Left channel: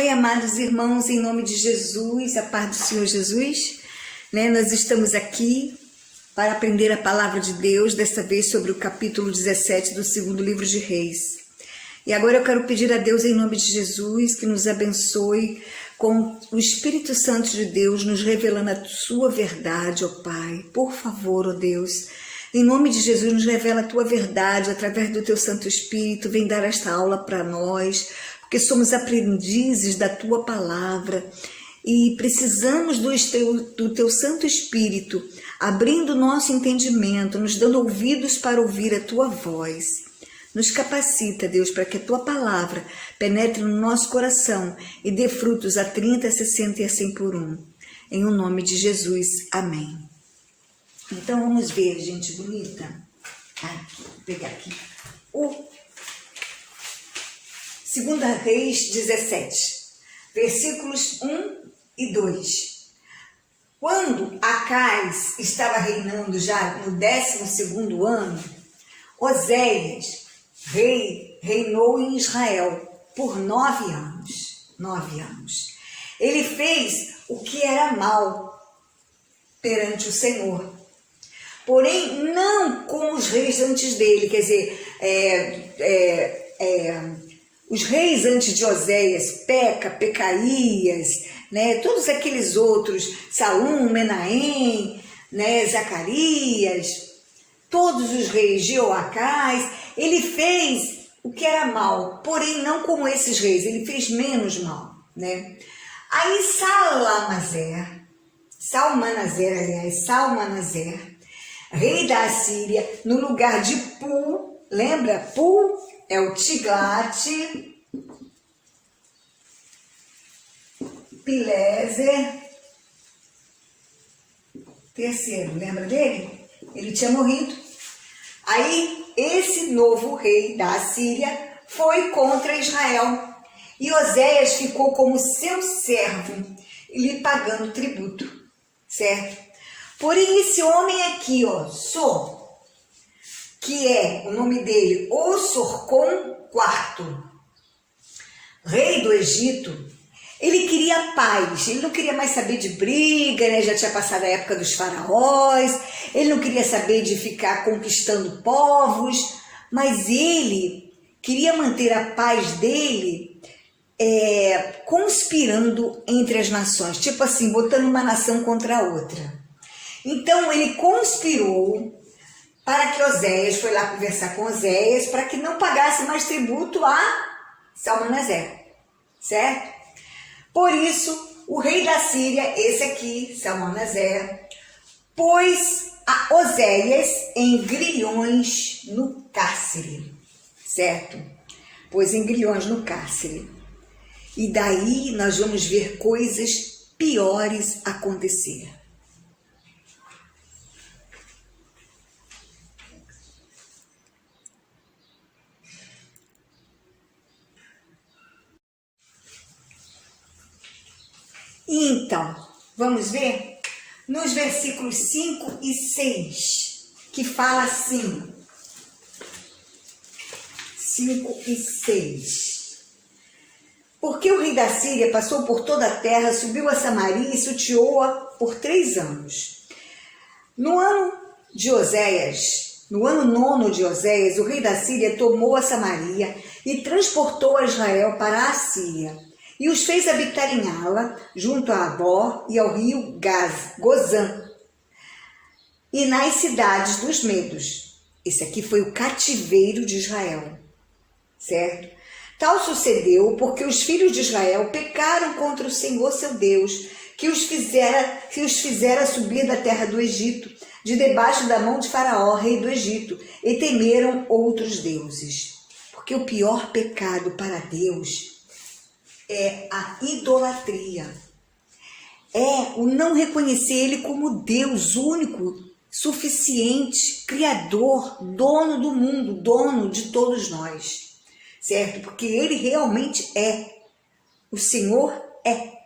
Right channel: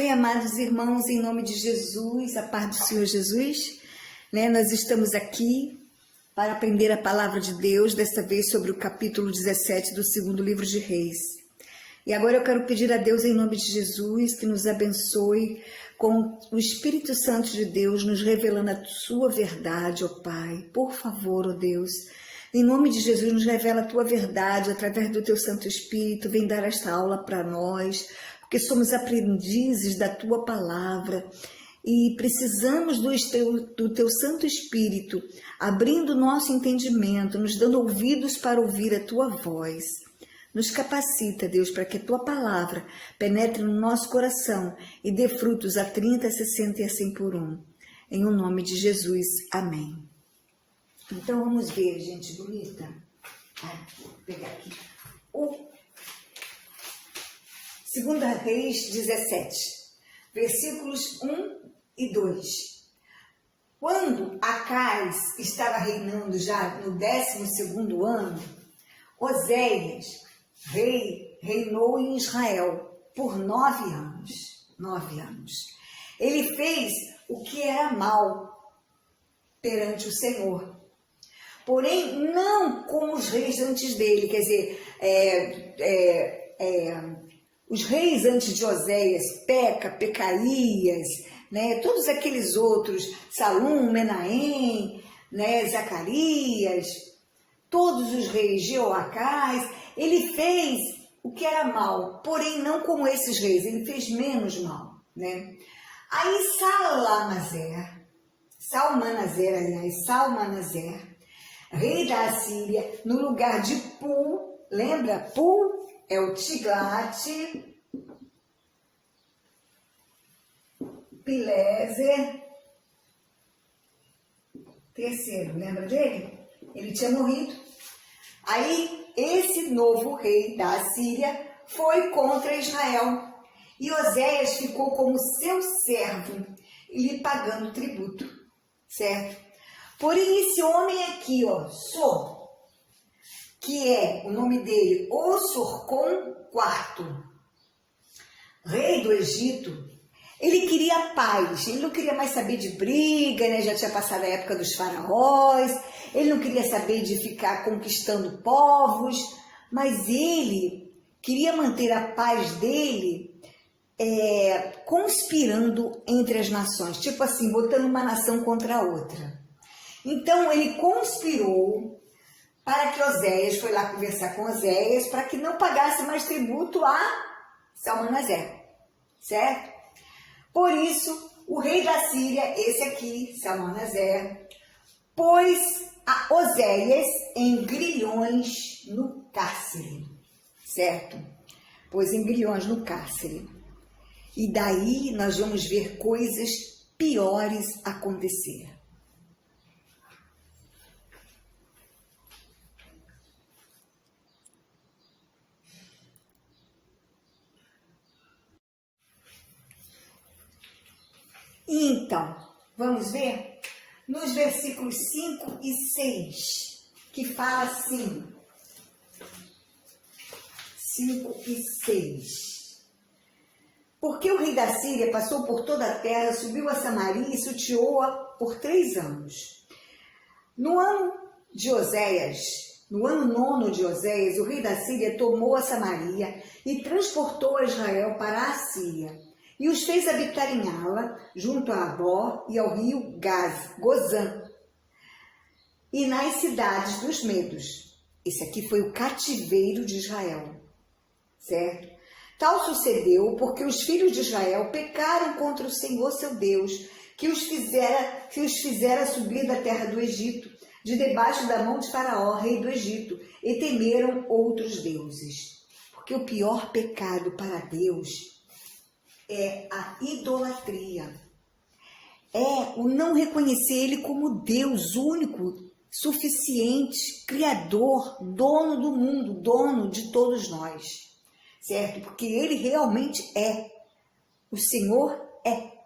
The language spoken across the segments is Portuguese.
Oi, amados irmãos, em nome de Jesus, a paz do Senhor Jesus, nós estamos aqui para aprender a palavra de Deus, desta vez sobre o capítulo 17 do segundo livro de Reis. E agora eu quero pedir a Deus, em nome de Jesus, que nos abençoe com o Espírito Santo de Deus, nos revelando a sua verdade, ó Pai. Por favor, ó Deus, em nome de Jesus, nos revela a tua verdade através do teu Santo Espírito. Vem dar esta aula para nós, porque somos aprendizes da tua palavra e precisamos do teu Santo Espírito, abrindo o nosso entendimento, nos dando ouvidos para ouvir a tua voz. Nos capacita, Deus, para que a tua palavra penetre no nosso coração e dê frutos a 30, a 60 e a 100 por um. Em o nome de Jesus, amém. Então vamos ver, gente bonita. Aqui, vou pegar aqui. O 2 Reis 17, versículos 1 e 2. Quando Acais estava reinando já no 12º ano, Oséias, reinou em Israel por 9 anos. 9 anos. Ele fez o que era mal perante o Senhor. Porém, não como os reis antes dele, quer dizer, os reis antes de Oséias, Pecaías, todos aqueles outros, Salum, Menahem, Zacarias, todos os reis, Jeoacás, ele fez o que era mal, porém não como esses reis, ele fez menos mal, Aí Salmanaser, rei da Assíria, no lugar de Pu, lembra? Pu é o Tiglat-Pileser III, lembra dele? Ele tinha morrido. Aí esse novo rei da Assíria foi contra Israel e Oséias ficou como seu servo e lhe pagando tributo, certo? Porém esse homem aqui, que é o nome dele, Ossorcom IV, rei do Egito, ele queria paz, ele não queria mais saber de briga, já tinha passado a época dos faraós, ele não queria saber de ficar conquistando povos, mas ele queria manter a paz dele conspirando entre as nações, tipo assim, botando uma nação contra a outra. Então ele conspirou para que Oséias, foi lá conversar com Oséias, para que não pagasse mais tributo a Salmanaser, certo? Por isso, o rei da Síria, esse aqui, Salmanaser, pôs a Oséias em grilhões no cárcere, certo? Pôs em grilhões no cárcere. E daí nós vamos ver coisas piores acontecer. Então, vamos ver nos versículos 5 e 6, que fala assim, 5 e 6. Porque o rei da Síria passou por toda a terra, subiu a Samaria e sitiou-a por 3 anos. No ano 9º de Oséias, o rei da Síria tomou a Samaria e transportou a Israel para a Síria. E os fez habitar em Ala, junto a Abó e ao rio Gozã, e nas cidades dos Medos. Esse aqui foi o cativeiro de Israel, certo? Tal sucedeu porque os filhos de Israel pecaram contra o Senhor seu Deus, que os fizera subir da terra do Egito, de debaixo da mão de Faraó, rei do Egito, e temeram outros deuses. Porque o pior pecado para Deus é a idolatria, é o não reconhecer Ele como Deus único, suficiente, Criador, dono do mundo, dono de todos nós, certo? Porque Ele realmente é, o Senhor é.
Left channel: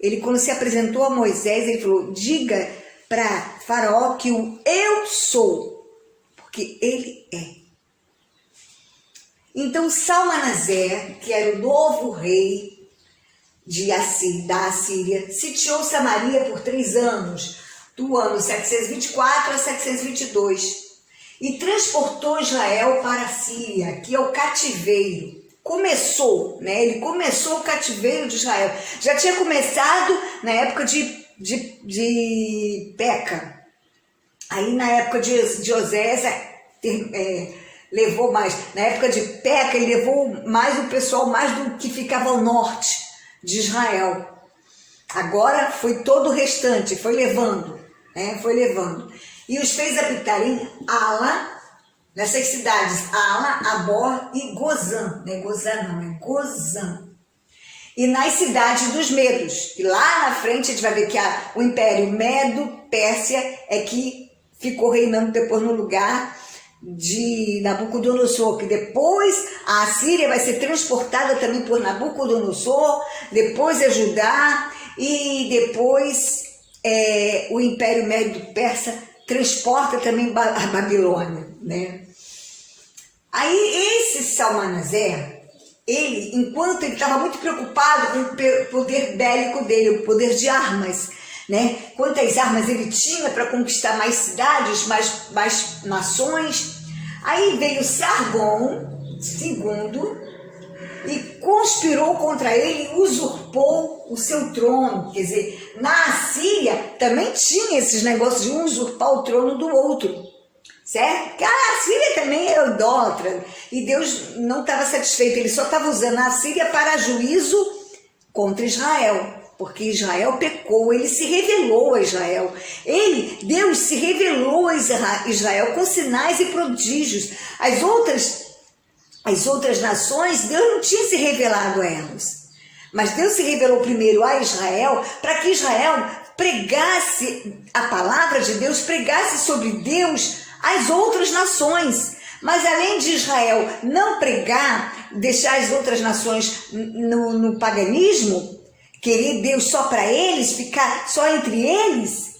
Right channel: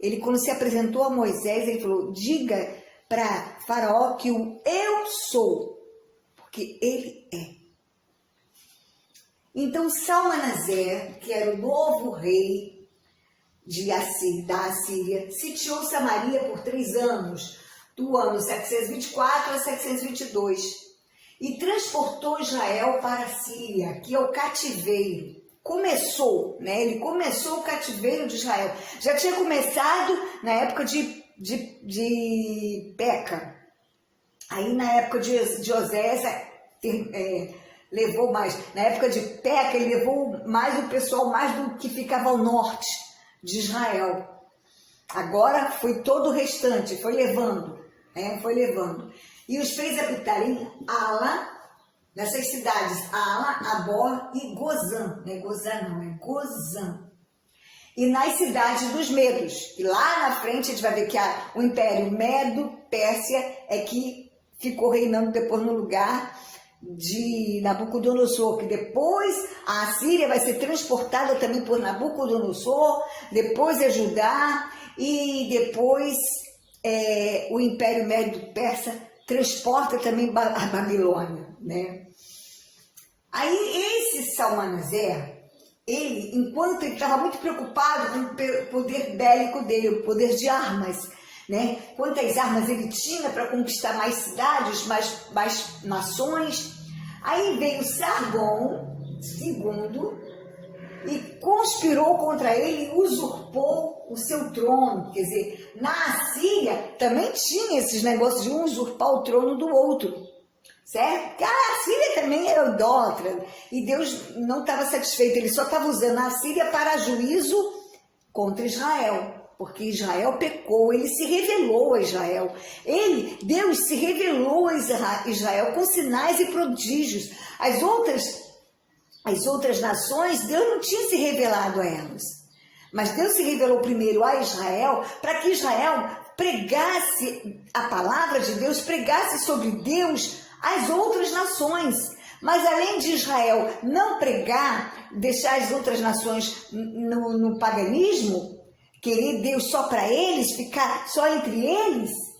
Ele, quando se apresentou a Moisés, Ele falou, diga para Faraó que o eu sou, porque Ele é. Então Salmanaser, que era o novo rei, da Assíria, sitiou Samaria por 3 anos, do ano 724 a 722, e transportou Israel para a Síria, que é o cativeiro. Ele começou o cativeiro de Israel. Já tinha começado na época de Peca. Aí na época de Osés levou mais. Na época de Peca, ele levou mais o pessoal mais do que ficava ao norte de Israel. Agora foi todo o restante, foi levando. E os fez habitar em Ala, nessas cidades, Ala, Abor e Gozã. Não é Gozã não, é Gozã. E nas cidades dos Medos. E lá na frente a gente vai ver que o Império Medo-Pérsia é que ficou reinando depois no lugar de Nabucodonosor, que depois a Assíria vai ser transportada também por Nabucodonosor, depois é Judá e depois o Império Medo-Persa transporta também a Babilônia, né? Aí esse Salmanaser, ele, enquanto ele estava muito preocupado com o poder bélico dele, o poder de armas, né? Quantas armas ele tinha para conquistar mais cidades, mais nações. Aí veio Sargão II e conspirou contra ele e usurpou o seu trono. Quer dizer, na Assíria também tinha esses negócios de um usurpar o trono do outro, certo? Porque a Assíria também era idólatra e Deus não estava satisfeito, ele só estava usando a Assíria para juízo contra Israel. Porque Israel pecou, ele se revelou a Israel. Deus se revelou a Israel com sinais e prodígios. As outras nações, Deus não tinha se revelado a elas. Mas Deus se revelou primeiro a Israel, para que Israel pregasse a palavra de Deus, pregasse sobre Deus às outras nações. Mas além de Israel não pregar, deixar as outras nações no paganismo, querer Deus só para eles, ficar só entre eles,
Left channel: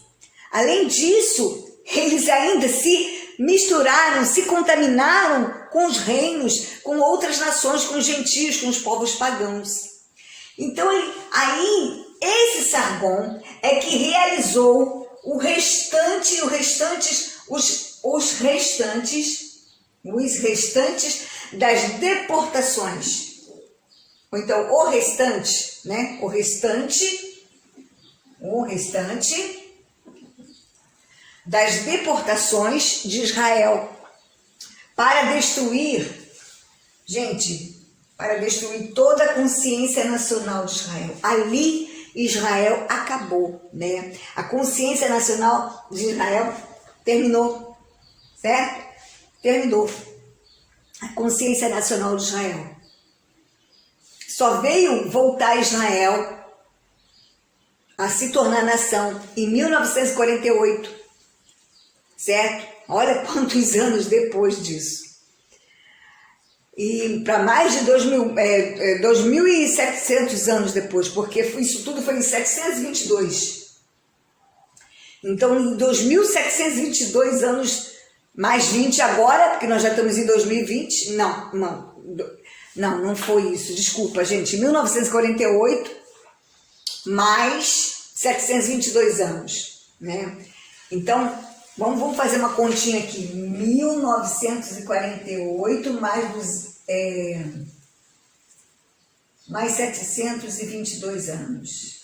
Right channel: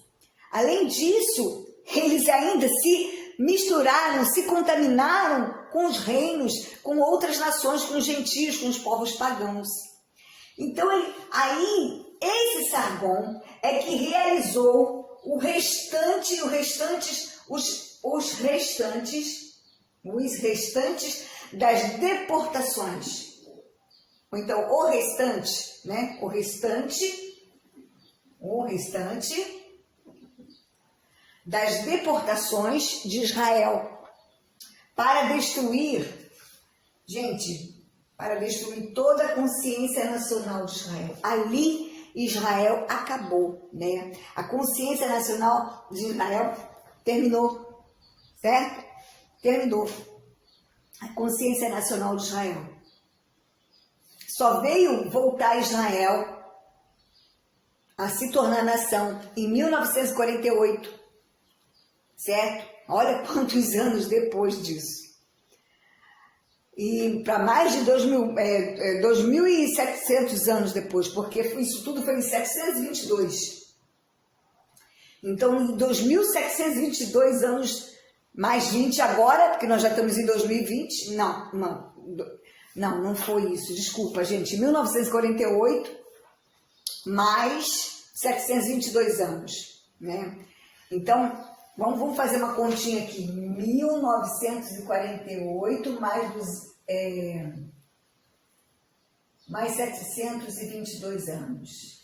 além disso, eles ainda se misturaram, se contaminaram com os reinos, com outras nações, com os gentios, com os povos pagãos. Então, esse Sargão é que realizou os restantes das deportações. Ou então, o restante das deportações de Israel para destruir toda a consciência nacional de Israel. Ali Israel acabou, né? A consciência nacional de Israel terminou, certo? Terminou. A consciência nacional de Israel. Só veio voltar Israel a se tornar nação em 1948, certo? Olha quantos anos depois disso. E para mais de 2.700 anos depois, porque isso tudo foi em 722. Então, em 2.722 anos, mais 20 agora, porque nós já estamos em 2020, não foi isso, desculpa, gente, 1948, mais 722 anos, né? Então, vamos fazer uma continha aqui, 1948 mais 722 anos.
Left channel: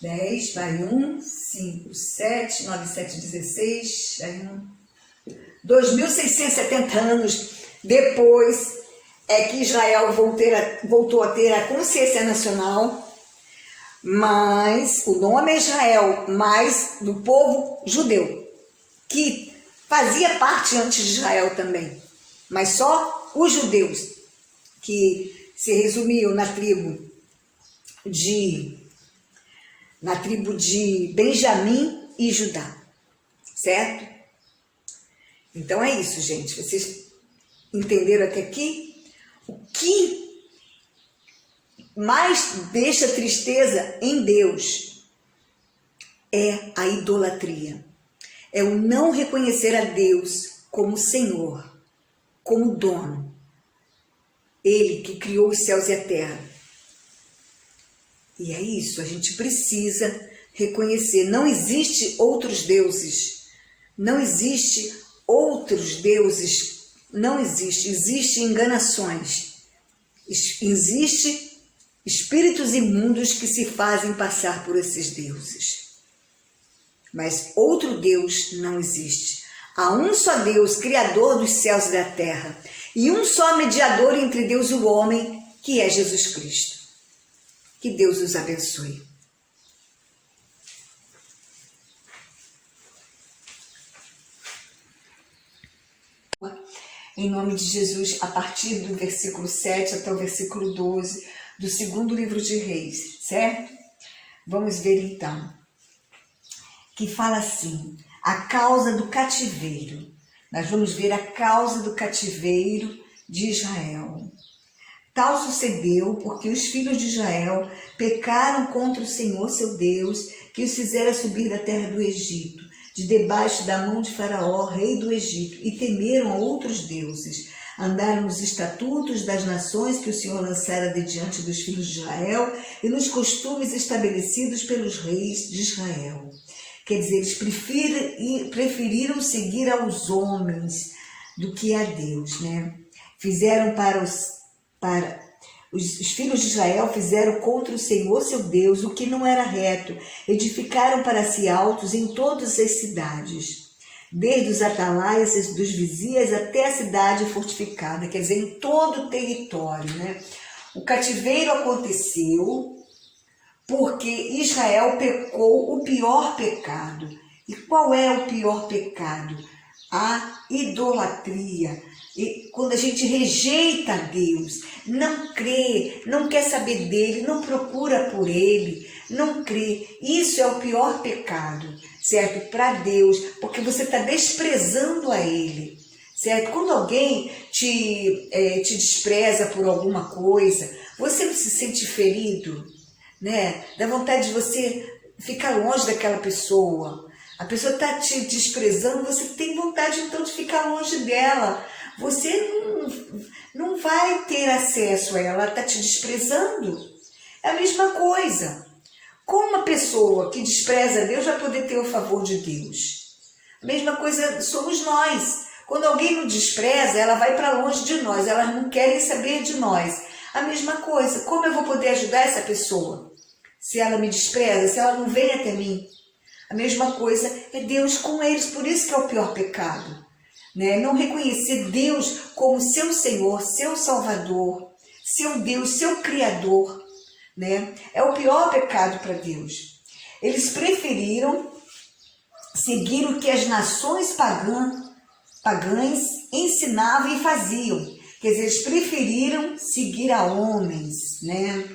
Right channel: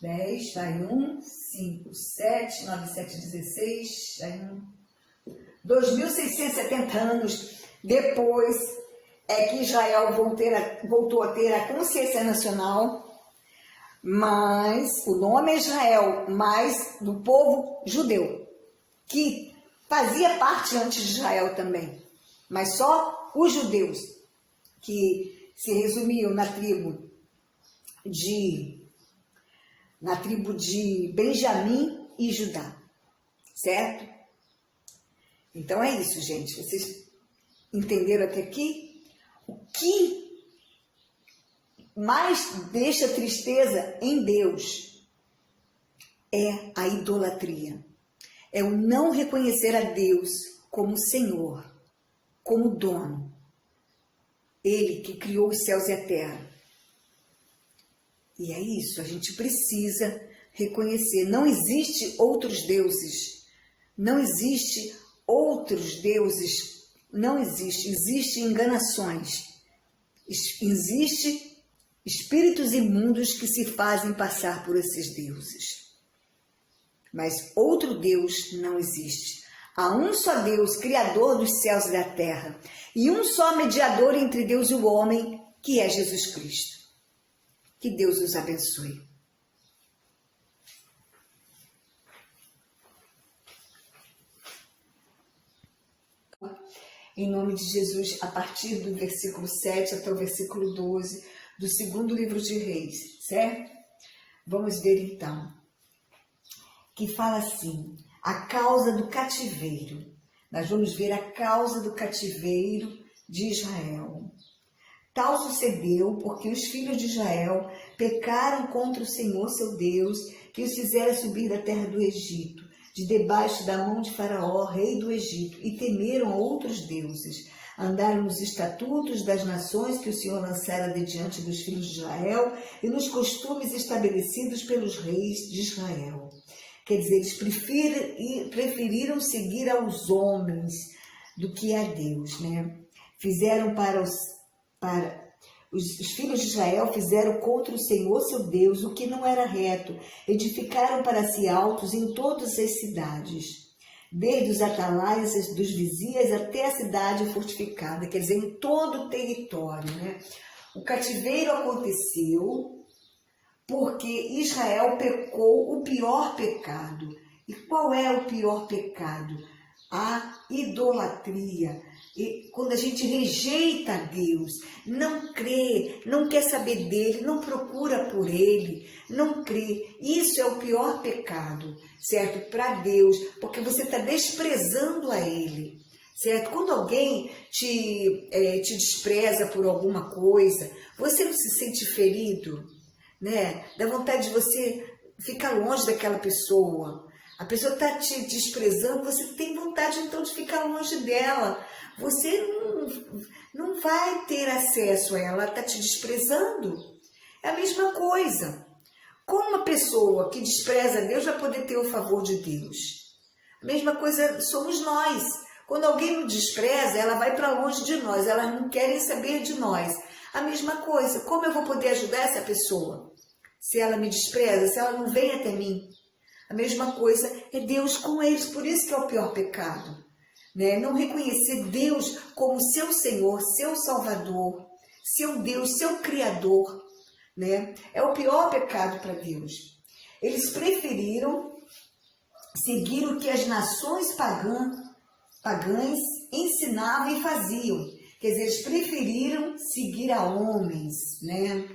10, vai 1, 5, 7, 9, 7, 16, vai 1. 2.670 anos depois é que Israel voltou a ter a consciência nacional, mas o nome é Israel, mas do povo judeu, que fazia parte antes de Israel também, mas só os judeus, que se resumiam na tribo de Benjamim e Judá, certo? Então é isso, gente, vocês entenderam até aqui? O que mais deixa tristeza em Deus é a idolatria. É o não reconhecer a Deus como Senhor, como dono. Ele que criou os céus e a terra. E é isso, a gente precisa reconhecer. Não existe outros deuses. Não existe outros deuses. Não existe. Existem enganações. Existem espíritos imundos que se fazem passar por esses deuses. Mas outro Deus não existe. Há um só Deus, Criador dos céus e da terra, e um só mediador entre Deus e o homem, que é Jesus Cristo. Que Deus os abençoe. Em nome de Jesus, a partir do versículo 7 até o versículo 12 do segundo livro de Reis, certo? Vamos ver então, que fala assim, a causa do cativeiro. Nós vamos ver a causa do cativeiro de Israel. Tal sucedeu porque os filhos de Israel pecaram contra o Senhor seu Deus, que os fizera subir da terra do Egito, de debaixo da mão de Faraó, rei do Egito, e temeram a outros deuses. Andaram nos estatutos das nações que o Senhor lançara de diante dos filhos de Israel e nos costumes estabelecidos pelos reis de Israel. Quer dizer, eles preferiram seguir aos homens do que a Deus, né? Fizeram os filhos de Israel fizeram contra o Senhor seu Deus o que não era reto, edificaram para si altos em todas as cidades, desde os atalaias dos vizinhos até a cidade fortificada, quer dizer, em todo o território, né? O cativeiro aconteceu porque Israel pecou o pior pecado. E qual é o pior pecado? A idolatria. E quando a gente rejeita Deus, não crê, não quer saber dele, não procura por ele, não crê, isso é o pior pecado, certo? Para Deus, porque você está desprezando a ele, certo? Quando alguém te despreza por alguma coisa, você não se sente ferido, né? Dá vontade de você ficar longe daquela pessoa. A pessoa está te desprezando, você tem vontade então de ficar longe dela. Você não vai ter acesso a ela, ela está te desprezando. É a mesma coisa. Como uma pessoa que despreza a Deus vai poder ter o favor de Deus? A mesma coisa somos nós. Quando alguém nos despreza, ela vai para longe de nós, elas não querem saber de nós. A mesma coisa, como eu vou poder ajudar essa pessoa? Se ela me despreza, se ela não vem até mim. A mesma coisa é Deus com eles, por isso que é o pior pecado. Né? Não reconhecer Deus como seu Senhor, seu Salvador, seu Deus, seu Criador. Né? É o pior pecado para Deus. Eles preferiram seguir o que as nações pagãs ensinavam e faziam. Quer dizer, eles preferiram seguir a homens. Né?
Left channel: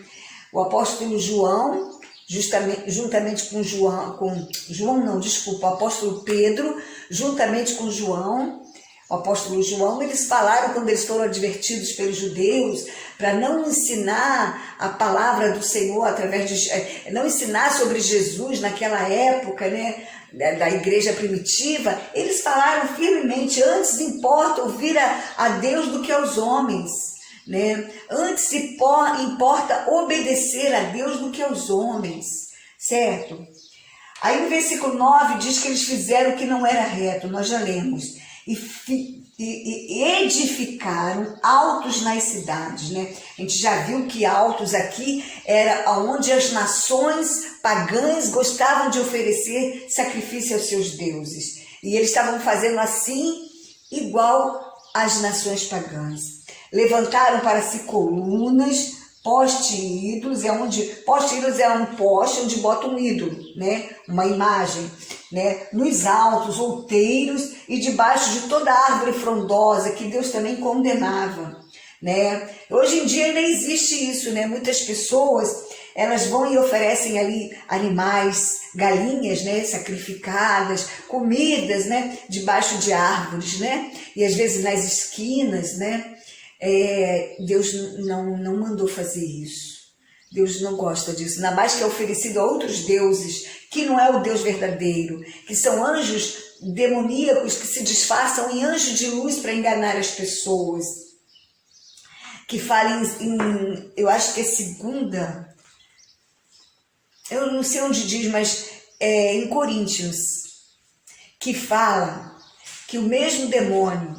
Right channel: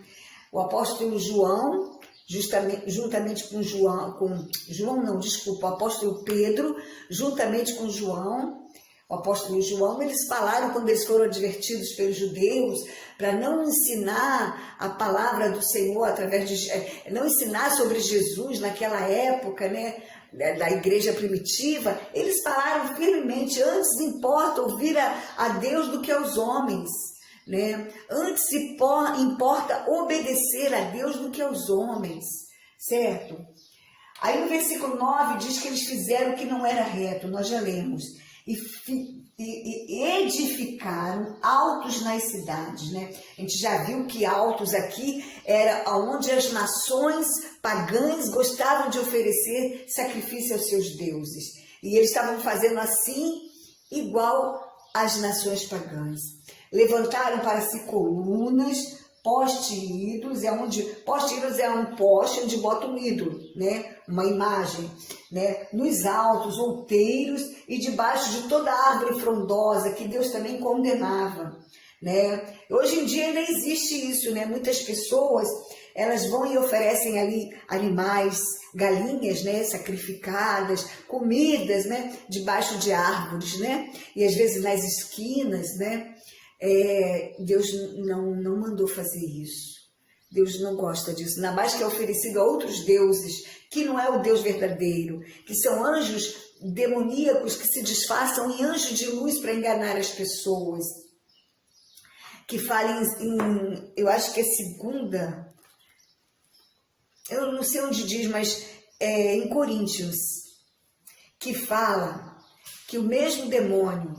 O apóstolo João, juntamente com o apóstolo Pedro, juntamente com o apóstolo João, eles falaram quando eles foram advertidos pelos judeus para não ensinar a palavra do Senhor não ensinar sobre Jesus naquela época, né, da igreja primitiva. Eles falaram firmemente: antes importa ouvir a Deus do que aos homens. Né? Antes importa obedecer a Deus do que aos homens, certo? Aí no versículo 9 diz que eles fizeram o que não era reto, nós já lemos, e edificaram altos nas cidades, né? A gente já viu que altos aqui era onde as nações pagãs gostavam de oferecer sacrifício aos seus deuses, e eles estavam fazendo assim igual às nações pagãs. Levantaram para si colunas, poste ídolos, poste ídolos é um poste onde bota um ídolo, né? Uma imagem, né? Nos altos, outeiros e debaixo de toda árvore frondosa, que Deus também condenava, né? Hoje em dia ainda existe isso, né? Muitas pessoas, elas vão e oferecem ali animais, galinhas, né, sacrificadas, comidas, né, debaixo de árvores, né? E às vezes nas esquinas, né? Deus não mandou fazer isso. Deus não gosta disso. Ainda mais que é oferecido a outros deuses, que não é o Deus verdadeiro, que são anjos demoníacos que se disfarçam em anjos de luz para enganar as pessoas. Que fala eu acho que é segunda eu não sei onde diz, mas é em Coríntios, que fala que o mesmo demônio,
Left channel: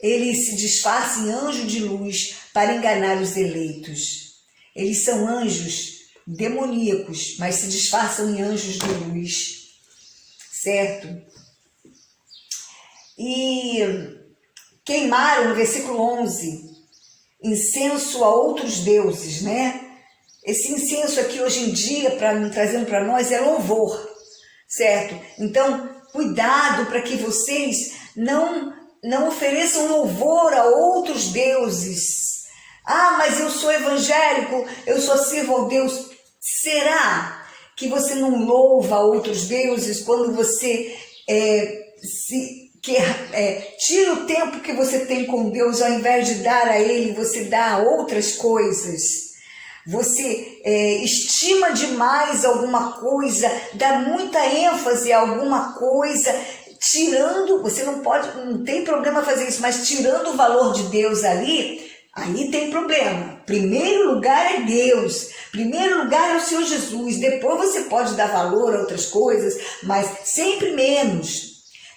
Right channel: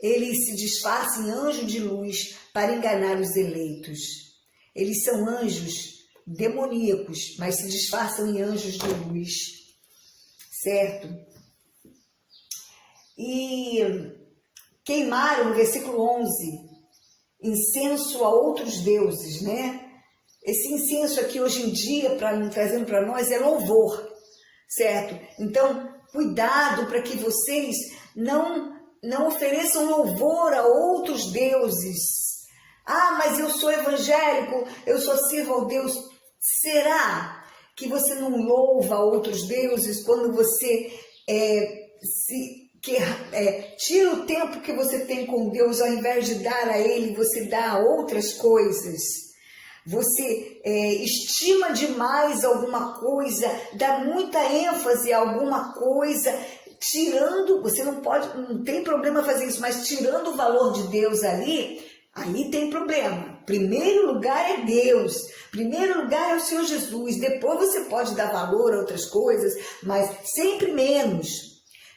ele se disfarça em anjo de luz para enganar os eleitos. Eles são anjos demoníacos, mas se disfarçam em anjos de luz, certo? E queimaram, no versículo 11, incenso a outros deuses, né? Esse incenso aqui hoje em dia, trazendo para nós, é louvor, certo? Então, cuidado para que vocês não ofereçam louvor a outros deuses. Ah, mas eu sou evangélico, eu só sirvo ao Deus. Será que você não louva a outros deuses quando você tira o tempo que você tem com Deus, ao invés de dar a Ele, você dá a outras coisas? Você estima demais alguma coisa, dá muita ênfase a alguma coisa, tirando, você não tem problema fazer isso, mas tirando o valor de Deus ali, aí tem problema. Primeiro lugar é Deus, primeiro lugar é o Senhor Jesus, depois você pode dar valor a outras coisas, mas sempre menos.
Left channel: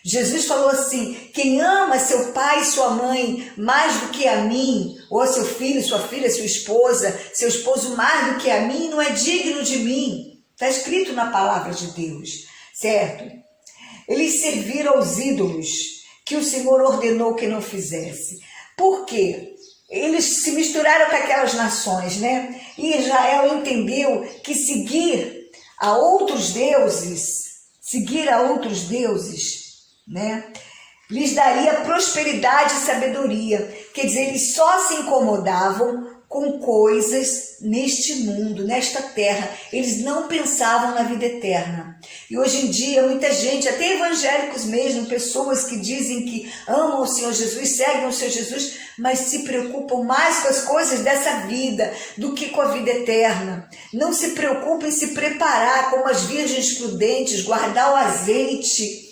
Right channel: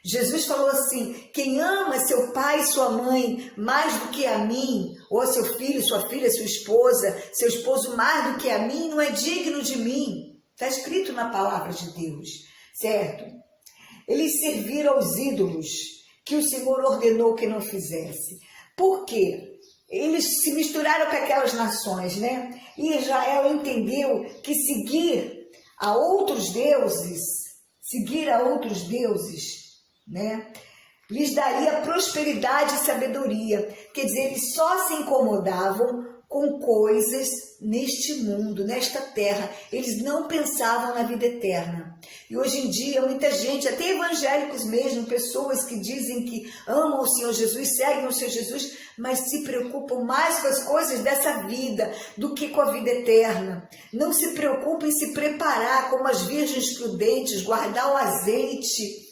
Jesus falou assim: quem ama seu pai e sua mãe mais do que a mim, ou seu filho, sua filha, sua esposa, seu esposo mais do que a mim, não é digno de mim. Está escrito na palavra de Deus, certo? Eles serviram aos ídolos que o Senhor ordenou que não fizesse. Por quê? Eles se misturaram com aquelas nações, né? E Israel entendeu que seguir a outros deuses, né, lhes daria prosperidade e sabedoria. Quer dizer, eles só se incomodavam com coisas neste mundo, nesta terra. Eles não pensavam na vida eterna. E hoje em dia, muita gente, até evangélicos mesmo, pessoas que dizem que amam o Senhor Jesus, seguem o Senhor Jesus, mas se preocupam mais com as coisas dessa vida do que com a vida eterna. Não se preocupam em se preparar como as virgens prudentes, guardar o azeite,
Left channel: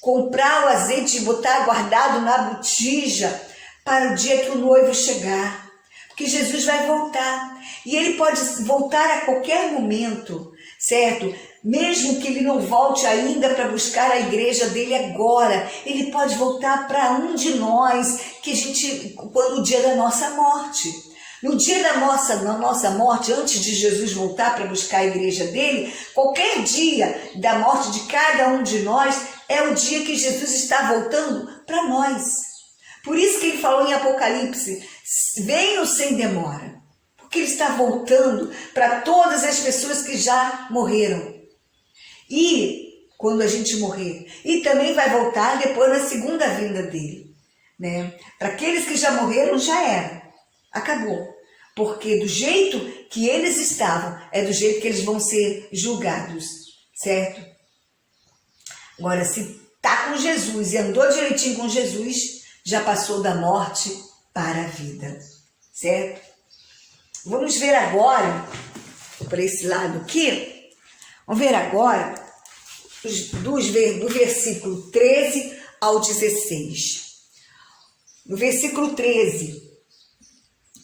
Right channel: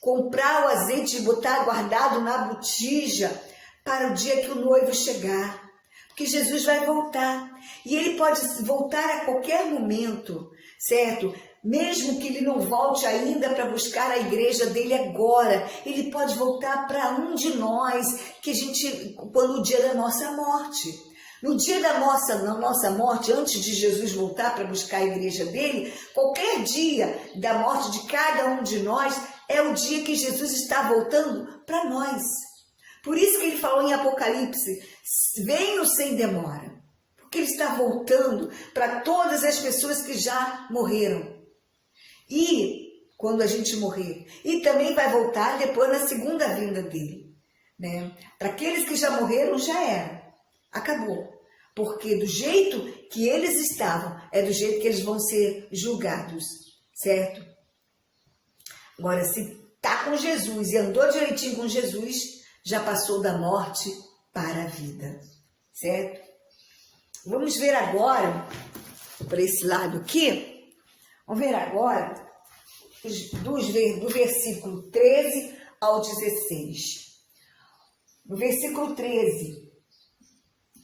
comprar o azeite e botar guardado na botija para o dia que o noivo chegar. Porque Jesus vai voltar. E ele pode voltar a qualquer momento, certo? Mesmo que ele não volte ainda para buscar a igreja dele agora, ele pode voltar para um de nós, quando o dia da nossa morte. No dia da nossa morte, antes de Jesus voltar para buscar a igreja dele, qualquer dia da morte de cada um de nós é o dia que Jesus está voltando para nós. Por isso que ele falou em Apocalipse: venham sem demora, porque ele está voltando para todas as pessoas que já morreram. E quando a gente morrer, e também vai voltar depois na segunda vinda dele, né? Para aqueles que já morreram, já era. Acabou, porque do jeito que eles estavam, é do jeito que eles vão ser julgados, certo? Agora, se está com Jesus e andou direitinho com Jesus, já passou da morte para a vida, certo? Vamos ver agora, para esse lado aqui, vamos ver agora do versículo 13 ao 16. No versículo 13,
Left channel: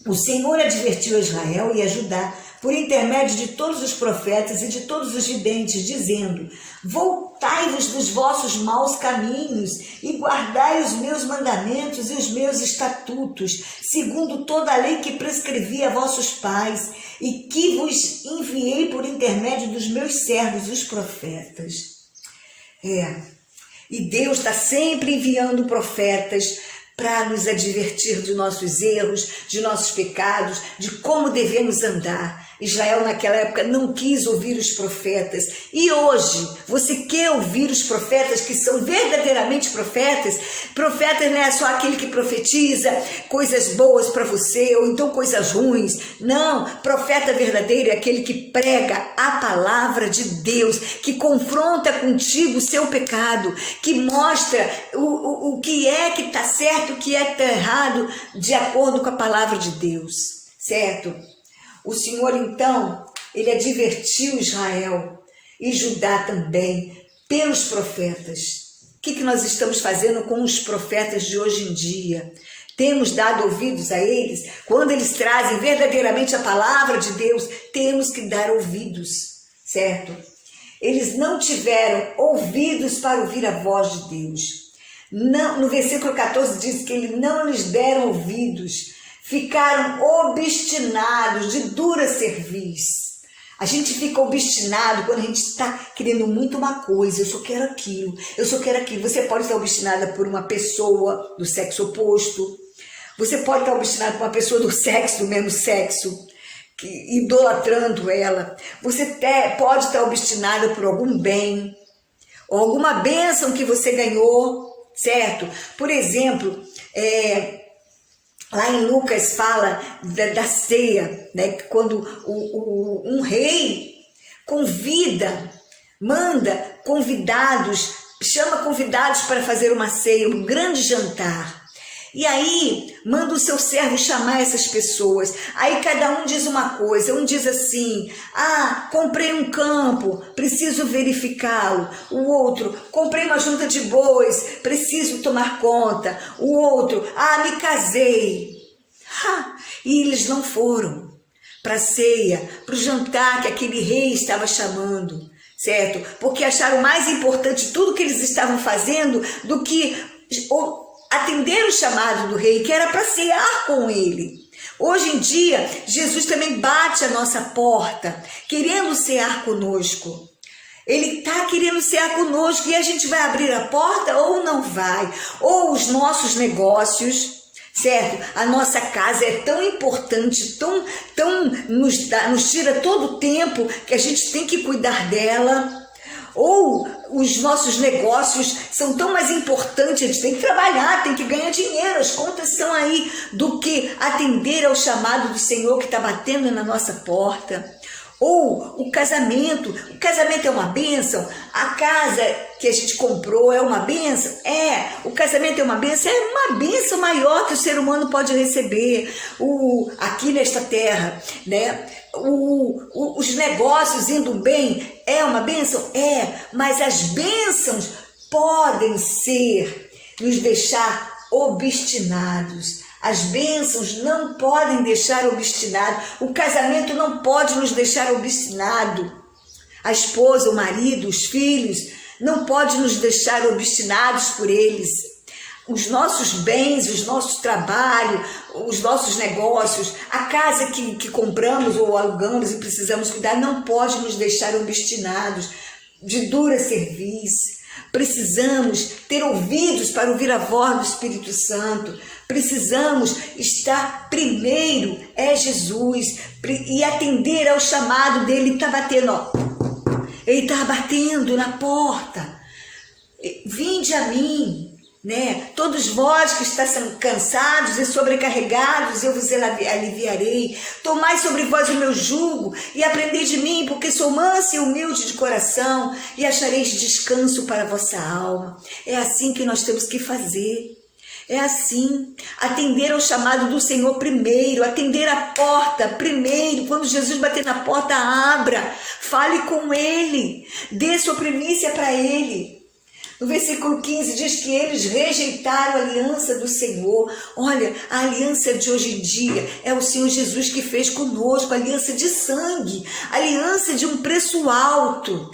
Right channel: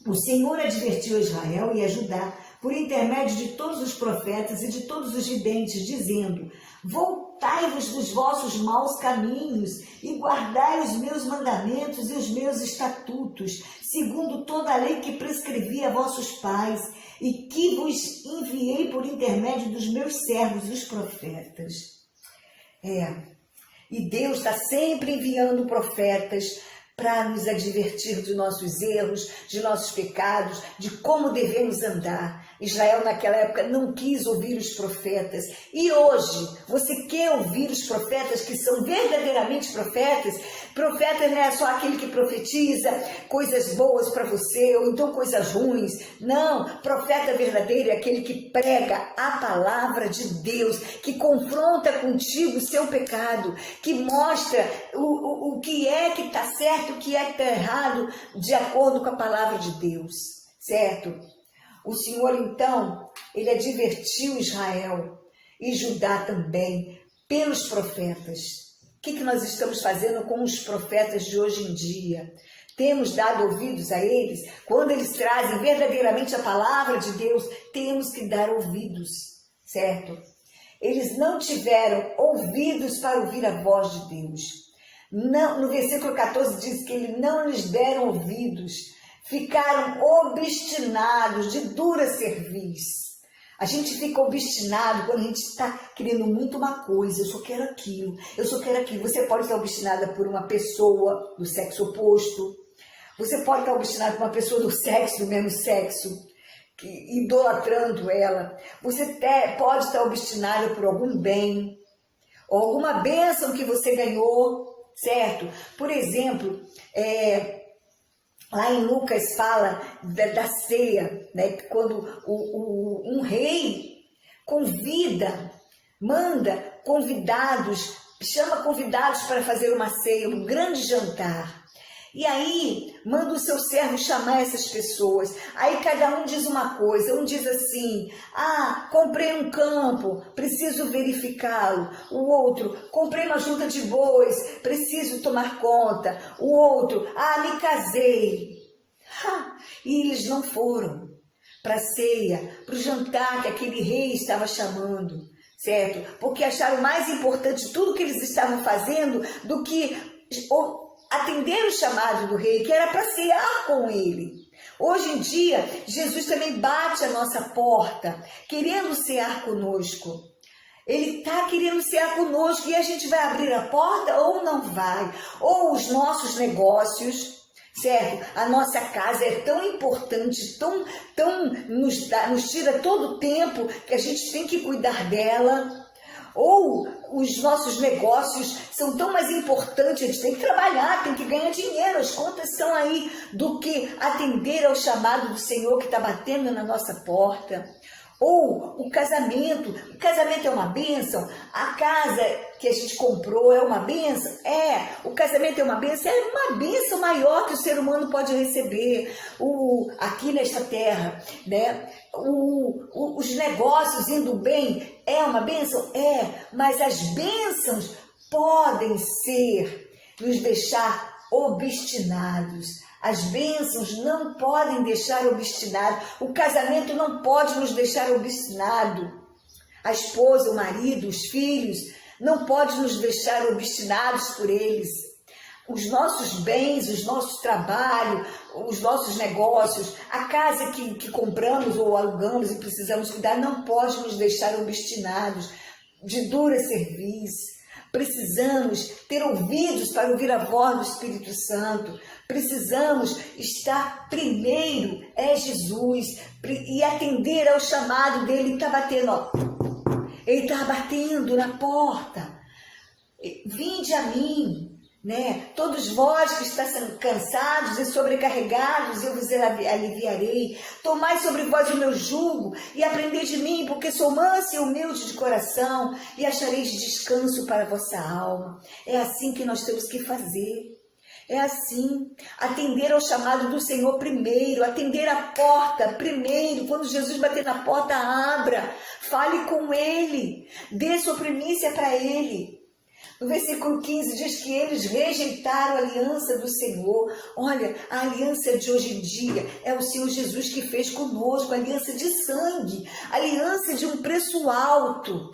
o Senhor advertiu a Israel e a Judá por intermédio de todos os profetas e de todos os videntes, dizendo: voltai-vos dos vossos maus caminhos e guardai os meus mandamentos e os meus estatutos, segundo toda a lei que prescrevi a vossos pais e que vos enviei por intermédio dos meus servos, os profetas. E Deus está sempre enviando profetas para nos advertir de nossos erros, de nossos pecados, de como devemos andar. Israel naquela época não quis ouvir os profetas. E hoje, você quer ouvir os profetas que são verdadeiramente profetas? Profeta não é só aquele que profetiza coisas boas para você, ou então coisas ruins. Não, profeta verdadeiro é aquele que prega a palavra de Deus, que confronta contigo o seu pecado, que mostra o que é que está certo, o que é que está errado, de acordo com a palavra de Deus, certo? O Senhor, então, ele advertiu Israel e Judá também pelos profetas. O que nós estamos fazendo com os profetas de hoje em dia? Temos dado ouvidos a eles? Quando eles trazem verdadeiramente a palavra de Deus, temos que dar ouvidos, certo? Eles não tiveram ouvidos para ouvir a voz de Deus. Não, no versículo 14 diz que eles não lhes deram ouvidos, ficaram obstinados, de dura cerviz. A gente fica obstinado quando a gente está querendo muito uma coisa, eu só quero aquilo, eu só quero aquilo. Você pode estar obstinada por uma pessoa do sexo oposto, você pode estar obstinado por uma pessoa do mesmo sexo, idolatrando ela. Você pode estar obstinada por algum bem, ou alguma bênção que você ganhou, certo? Por exemplo, lá em Lucas fala da ceia, né? Quando um rei manda convidados, chama convidados para fazer uma ceia, um grande jantar. E aí, manda o seu servo chamar essas pessoas. Aí cada um diz uma coisa. Um diz assim, comprei um campo, preciso verificá-lo. O outro, comprei uma junta de bois, preciso tomar conta. O outro, me casei. E eles não foram para a ceia, para o jantar que aquele rei estava chamando, certo? Porque acharam mais importante tudo que eles estavam fazendo do que atender o chamado do rei, que era para cear com ele. Hoje em dia, Jesus também bate a nossa porta, querendo cear conosco. Ele está querendo cear conosco e a gente vai abrir a porta ou não vai. Ou os nossos negócios, certo? A nossa casa é tão importante, nos tira todo o tempo que a gente tem que cuidar dela. Ou os nossos negócios são tão mais importantes, a gente tem que trabalhar, tem que ganhar dinheiro, as contas são aí, do que atender ao chamado do Senhor que está batendo na nossa porta. Ou o casamento é uma bênção, a casa que a gente comprou é uma bênção, o casamento é uma bênção maior que o ser humano pode receber aqui nesta terra, né? Os negócios indo bem é uma bênção? Mas as bênçãos podem nos deixar obstinados. As bênçãos não podem deixar obstinado. O casamento não pode nos deixar obstinado. A esposa, o marido, os filhos, não pode nos deixar obstinados por eles. Os nossos bens, os nossos trabalhos, os nossos negócios, a casa que compramos ou alugamos e precisamos cuidar, não pode nos deixar obstinados, de dura cerviz. Precisamos ter ouvidos para ouvir a voz do Espírito Santo. Precisamos estar primeiro, Jesus, e atender ao chamado dele. Ele está batendo, ele está batendo na porta. Vinde a mim, né? Todos vós que estáis cansados e sobrecarregados, eu vos aliviarei. Tomai sobre vós o meu jugo e aprendei de mim, porque sou mansa e humilde de coração, e achareis descanso para a vossa alma. É assim que nós temos que fazer. É assim, atender ao chamado do Senhor primeiro, atender a porta primeiro. Quando Jesus bater na porta, abra, fale com Ele, dê sua primícia para Ele. No versículo 15 diz que eles rejeitaram a aliança do Senhor. Olha, a aliança de hoje em dia é o Senhor Jesus que fez conosco, aliança de sangue, aliança de um preço alto,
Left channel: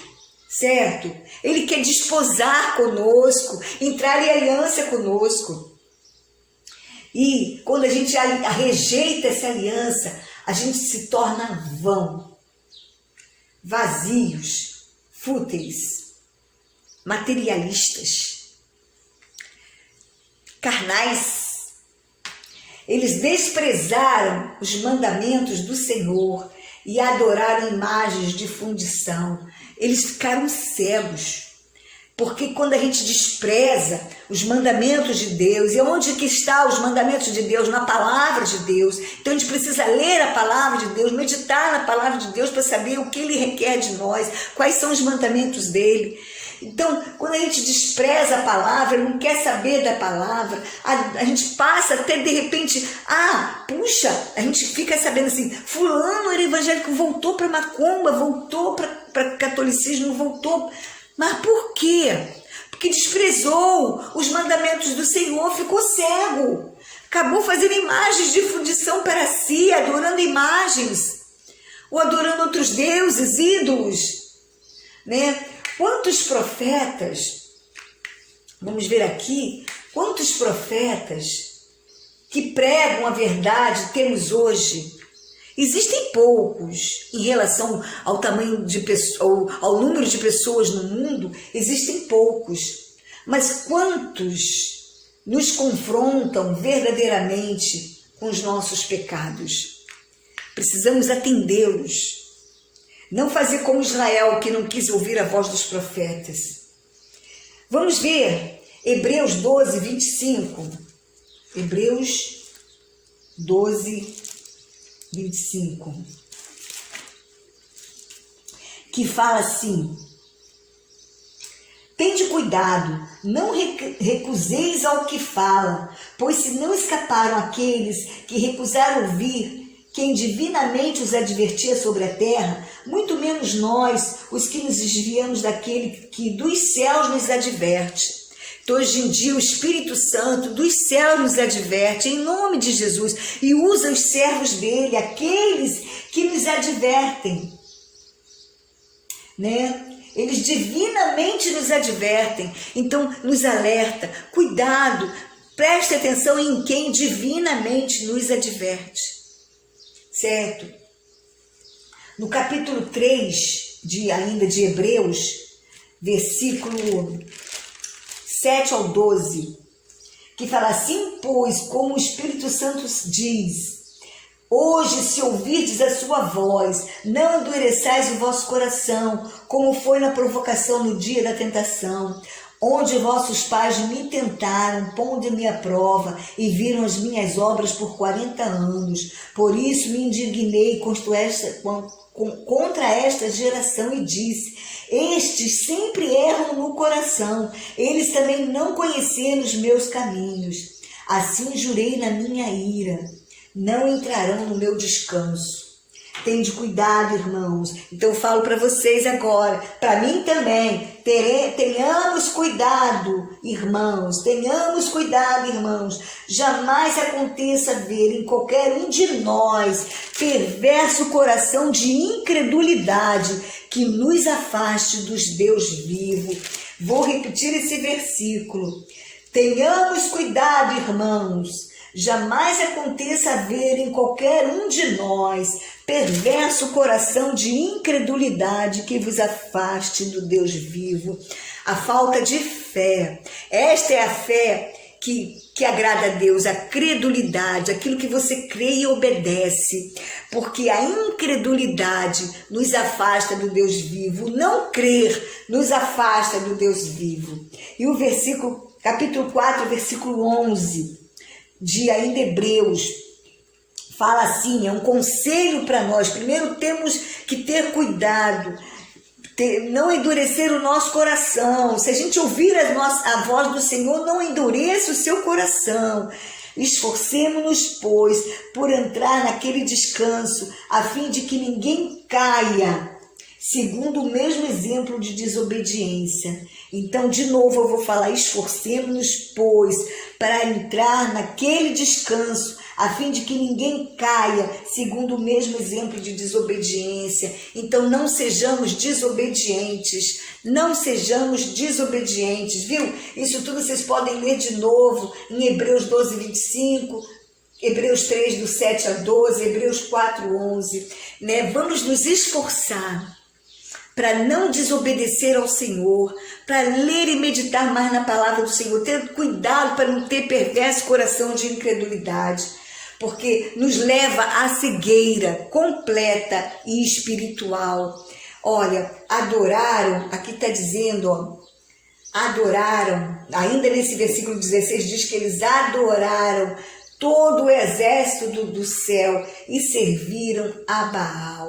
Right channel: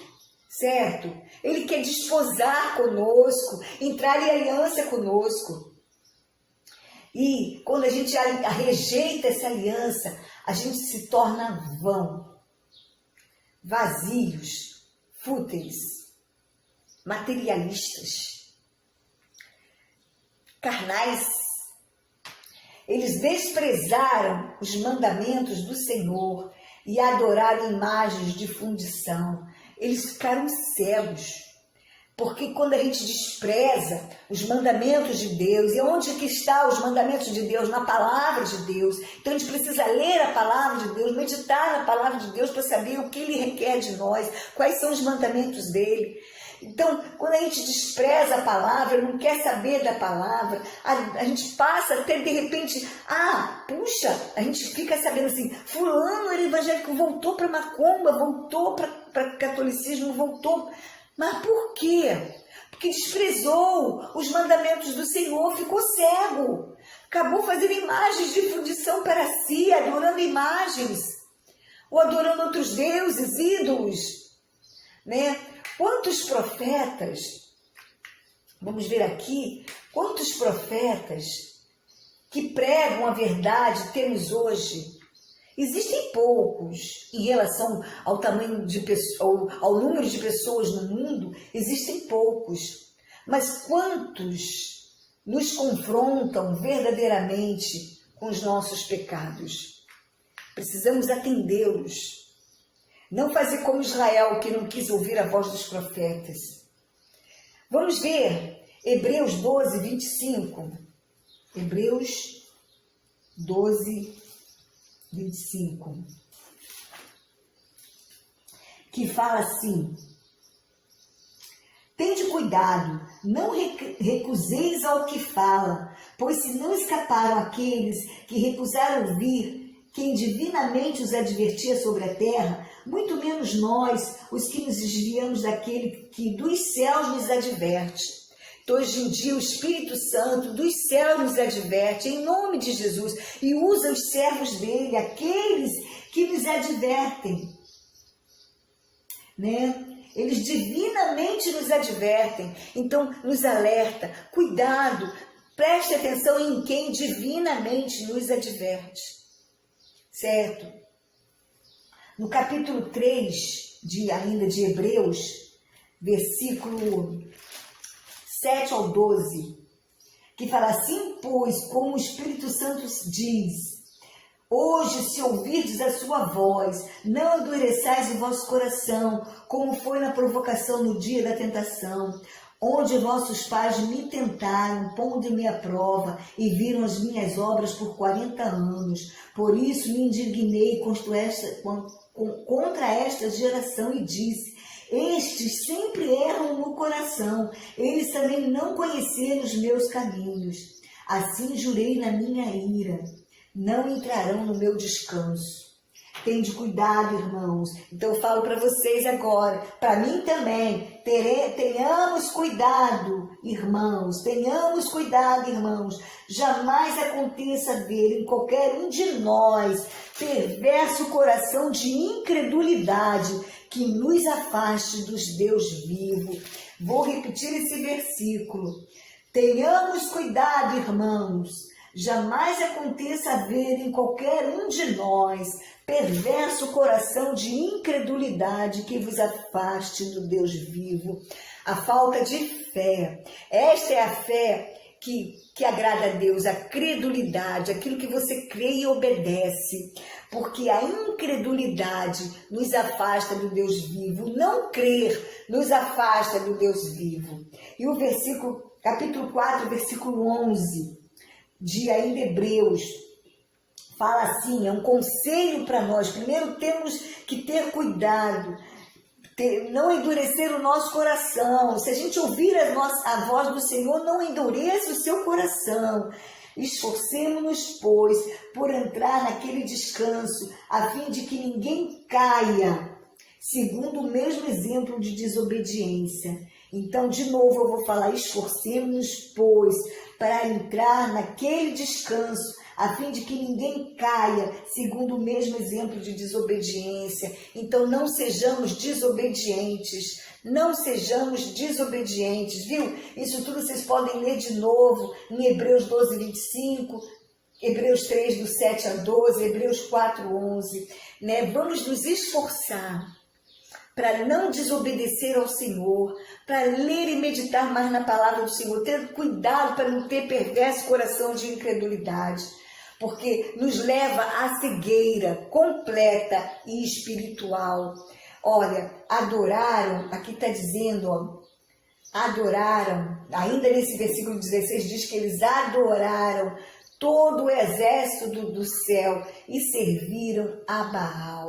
certo? Ele quer desposar conosco, entrar em aliança conosco. E quando a gente rejeita essa aliança, a gente se torna vão, vazios, fúteis, materialistas, carnais. Eles desprezaram os mandamentos do Senhor e adoraram imagens de fundição. Eles ficaram cegos. Porque quando a gente despreza os mandamentos de Deus, e onde que está os mandamentos de Deus? Na palavra de Deus. Então a gente precisa ler a palavra de Deus, meditar na palavra de Deus para saber o que Ele requer de nós, quais são os mandamentos dEle. Então, quando a gente despreza a palavra, não quer saber da palavra, a gente passa até de repente, puxa, a gente fica sabendo assim, fulano era evangélico, voltou para macumba, voltou para catolicismo, voltou. Mas por quê? Porque desprezou os mandamentos do Senhor, ficou cego, acabou fazendo imagens de fundição para si, adorando imagens, ou adorando outros deuses, ídolos. né? Quantos profetas, vamos ver aqui, quantos profetas que pregam a verdade temos hoje? Existem poucos em relação ao tamanho de pessoas, ao número de pessoas no mundo, existem poucos. Mas quantos nos confrontam verdadeiramente com os nossos pecados? Precisamos atendê-los. Não fazer como Israel, que não quis ouvir a voz dos profetas. Vamos ver Hebreus 12, 25. Hebreus 12, 25. Que fala assim: tende cuidado, não recuseis ao que fala, pois se não escaparam aqueles que recusaram ouvir quem divinamente os advertia sobre a terra, muito menos nós, os que nos desviamos daquele que dos céus nos adverte. Então, hoje em dia, o Espírito Santo dos céus nos adverte em nome de Jesus e usa os servos dele, aqueles que nos advertem, né? Eles divinamente nos advertem, então nos alerta, cuidado, preste atenção em quem divinamente nos adverte. Certo? No capítulo 3 ainda de Hebreus, versículo 7 ao 12, que fala assim: pois, como o Espírito Santo diz, hoje, se ouvirdes a sua voz, não endureçais o vosso coração, como foi na provocação no dia da tentação, onde vossos pais me tentaram, pondo-me à prova, e viram as minhas obras por 40 anos. Por isso me indignei contra esta geração e disse: estes sempre erram no coração, eles também não conheceram os meus caminhos. Assim jurei na minha ira, não entrarão no meu descanso. Tende cuidado, irmãos. Então eu falo para vocês agora, para mim também, tenhamos cuidado, irmãos, tenhamos cuidado, irmãos. Jamais aconteça ver em qualquer um de nós perverso coração de incredulidade que nos afaste dos Deus vivo. Vou repetir esse versículo. Tenhamos cuidado, irmãos. Jamais aconteça haver em qualquer um de nós perverso coração de incredulidade que vos afaste do Deus vivo. A falta de fé. Esta é a fé que agrada a Deus, a credulidade, aquilo que você crê e obedece. Porque a incredulidade nos afasta do Deus vivo. Não crer nos afasta do Deus vivo. E o versículo, capítulo 4, versículo 11. De ainda Hebreus, fala assim, é um conselho para nós. Primeiro temos que ter cuidado, não endurecer o nosso coração. Se a gente ouvir a voz do Senhor, não endureça o seu coração. Esforcemo-nos, pois, por entrar naquele descanso, a fim de que ninguém caia, segundo o mesmo exemplo de desobediência. Então, de novo, eu vou falar: esforcemo-nos, pois, para entrar naquele descanso, a fim de que ninguém caia, segundo o mesmo exemplo de desobediência. Então, não sejamos desobedientes, não sejamos desobedientes, viu? Isso tudo vocês podem ler de novo em Hebreus 12, 25, Hebreus 3, do 7 a 12, Hebreus 4, 11, né? Vamos nos esforçar para não desobedecer ao Senhor, para ler e meditar mais na palavra do Senhor, ter cuidado para não ter perverso coração de incredulidade, porque nos leva à cegueira completa e espiritual. Olha, adoraram, aqui está dizendo, ó, adoraram, ainda nesse versículo 16 diz que eles adoraram todo o exército do céu e serviram a Baal.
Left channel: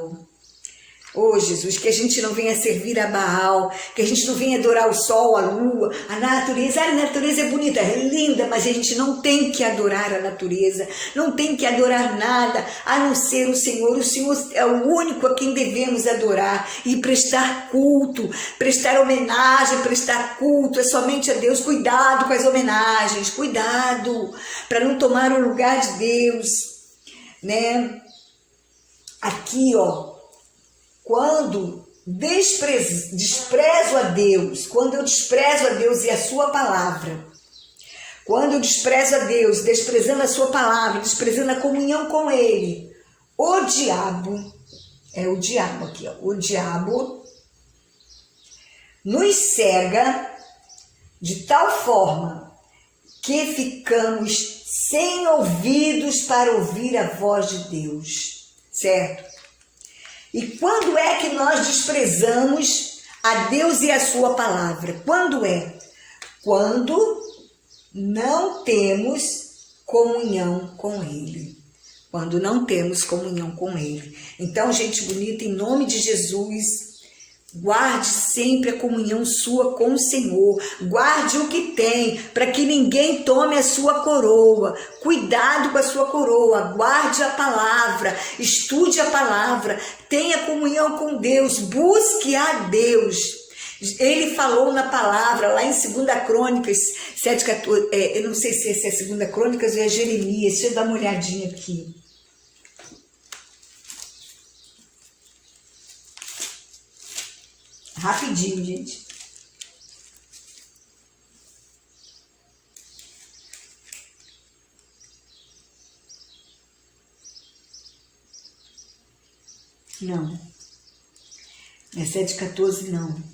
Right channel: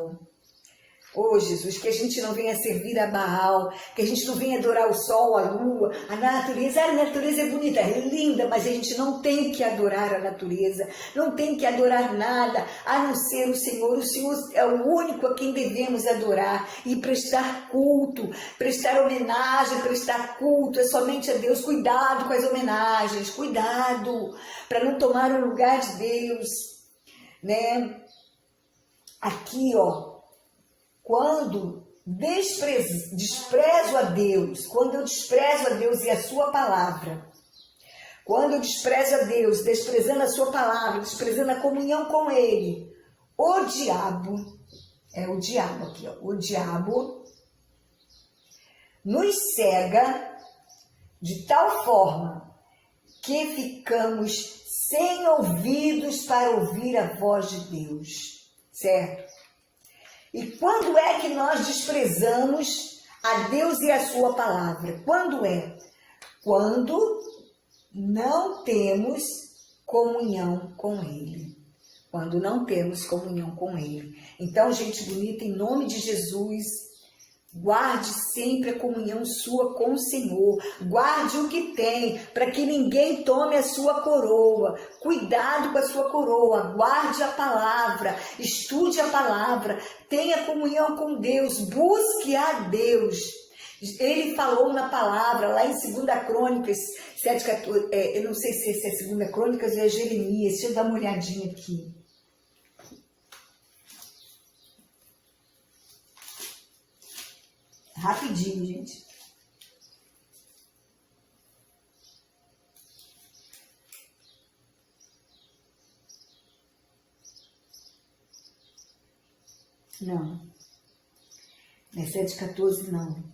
Oh, Jesus, que a gente não venha servir a Baal, que a gente não venha adorar o sol, a lua, a natureza. A natureza é bonita, é linda, mas a gente não tem que adorar a natureza, não tem que adorar nada, a não ser o Senhor. O Senhor é o único a quem devemos adorar e prestar culto, prestar homenagem, prestar culto, é somente a Deus. Cuidado com as homenagens, cuidado, para não tomar o lugar de Deus, né? Aqui, ó, quando desprezo a Deus, quando eu desprezo a Deus e a sua palavra, quando eu desprezo a Deus, desprezando a sua palavra, desprezando a comunhão com Ele, o diabo, é o diabo aqui, ó, o diabo nos cega de tal forma que ficamos sem ouvidos para ouvir a voz de Deus, certo? E quando é que nós desprezamos a Deus e a sua palavra? Quando é? Quando não temos comunhão com Ele. Quando não temos comunhão com Ele. Então, gente bonita, em nome de Jesus, guarde sempre a comunhão sua com o Senhor. Guarde o que tem, para que ninguém tome a sua coroa. Cuidado com a sua coroa. Guarde a palavra. Estude a palavra. Tenha comunhão com Deus. Busque a Deus. Ele falou na palavra, lá em 2 Crônicas 7,14, eu não sei se é 2 Crônicas ou é Jeremias, deixa eu dar uma olhadinha aqui. Rapidinho, gente. Não. É 7,14, não.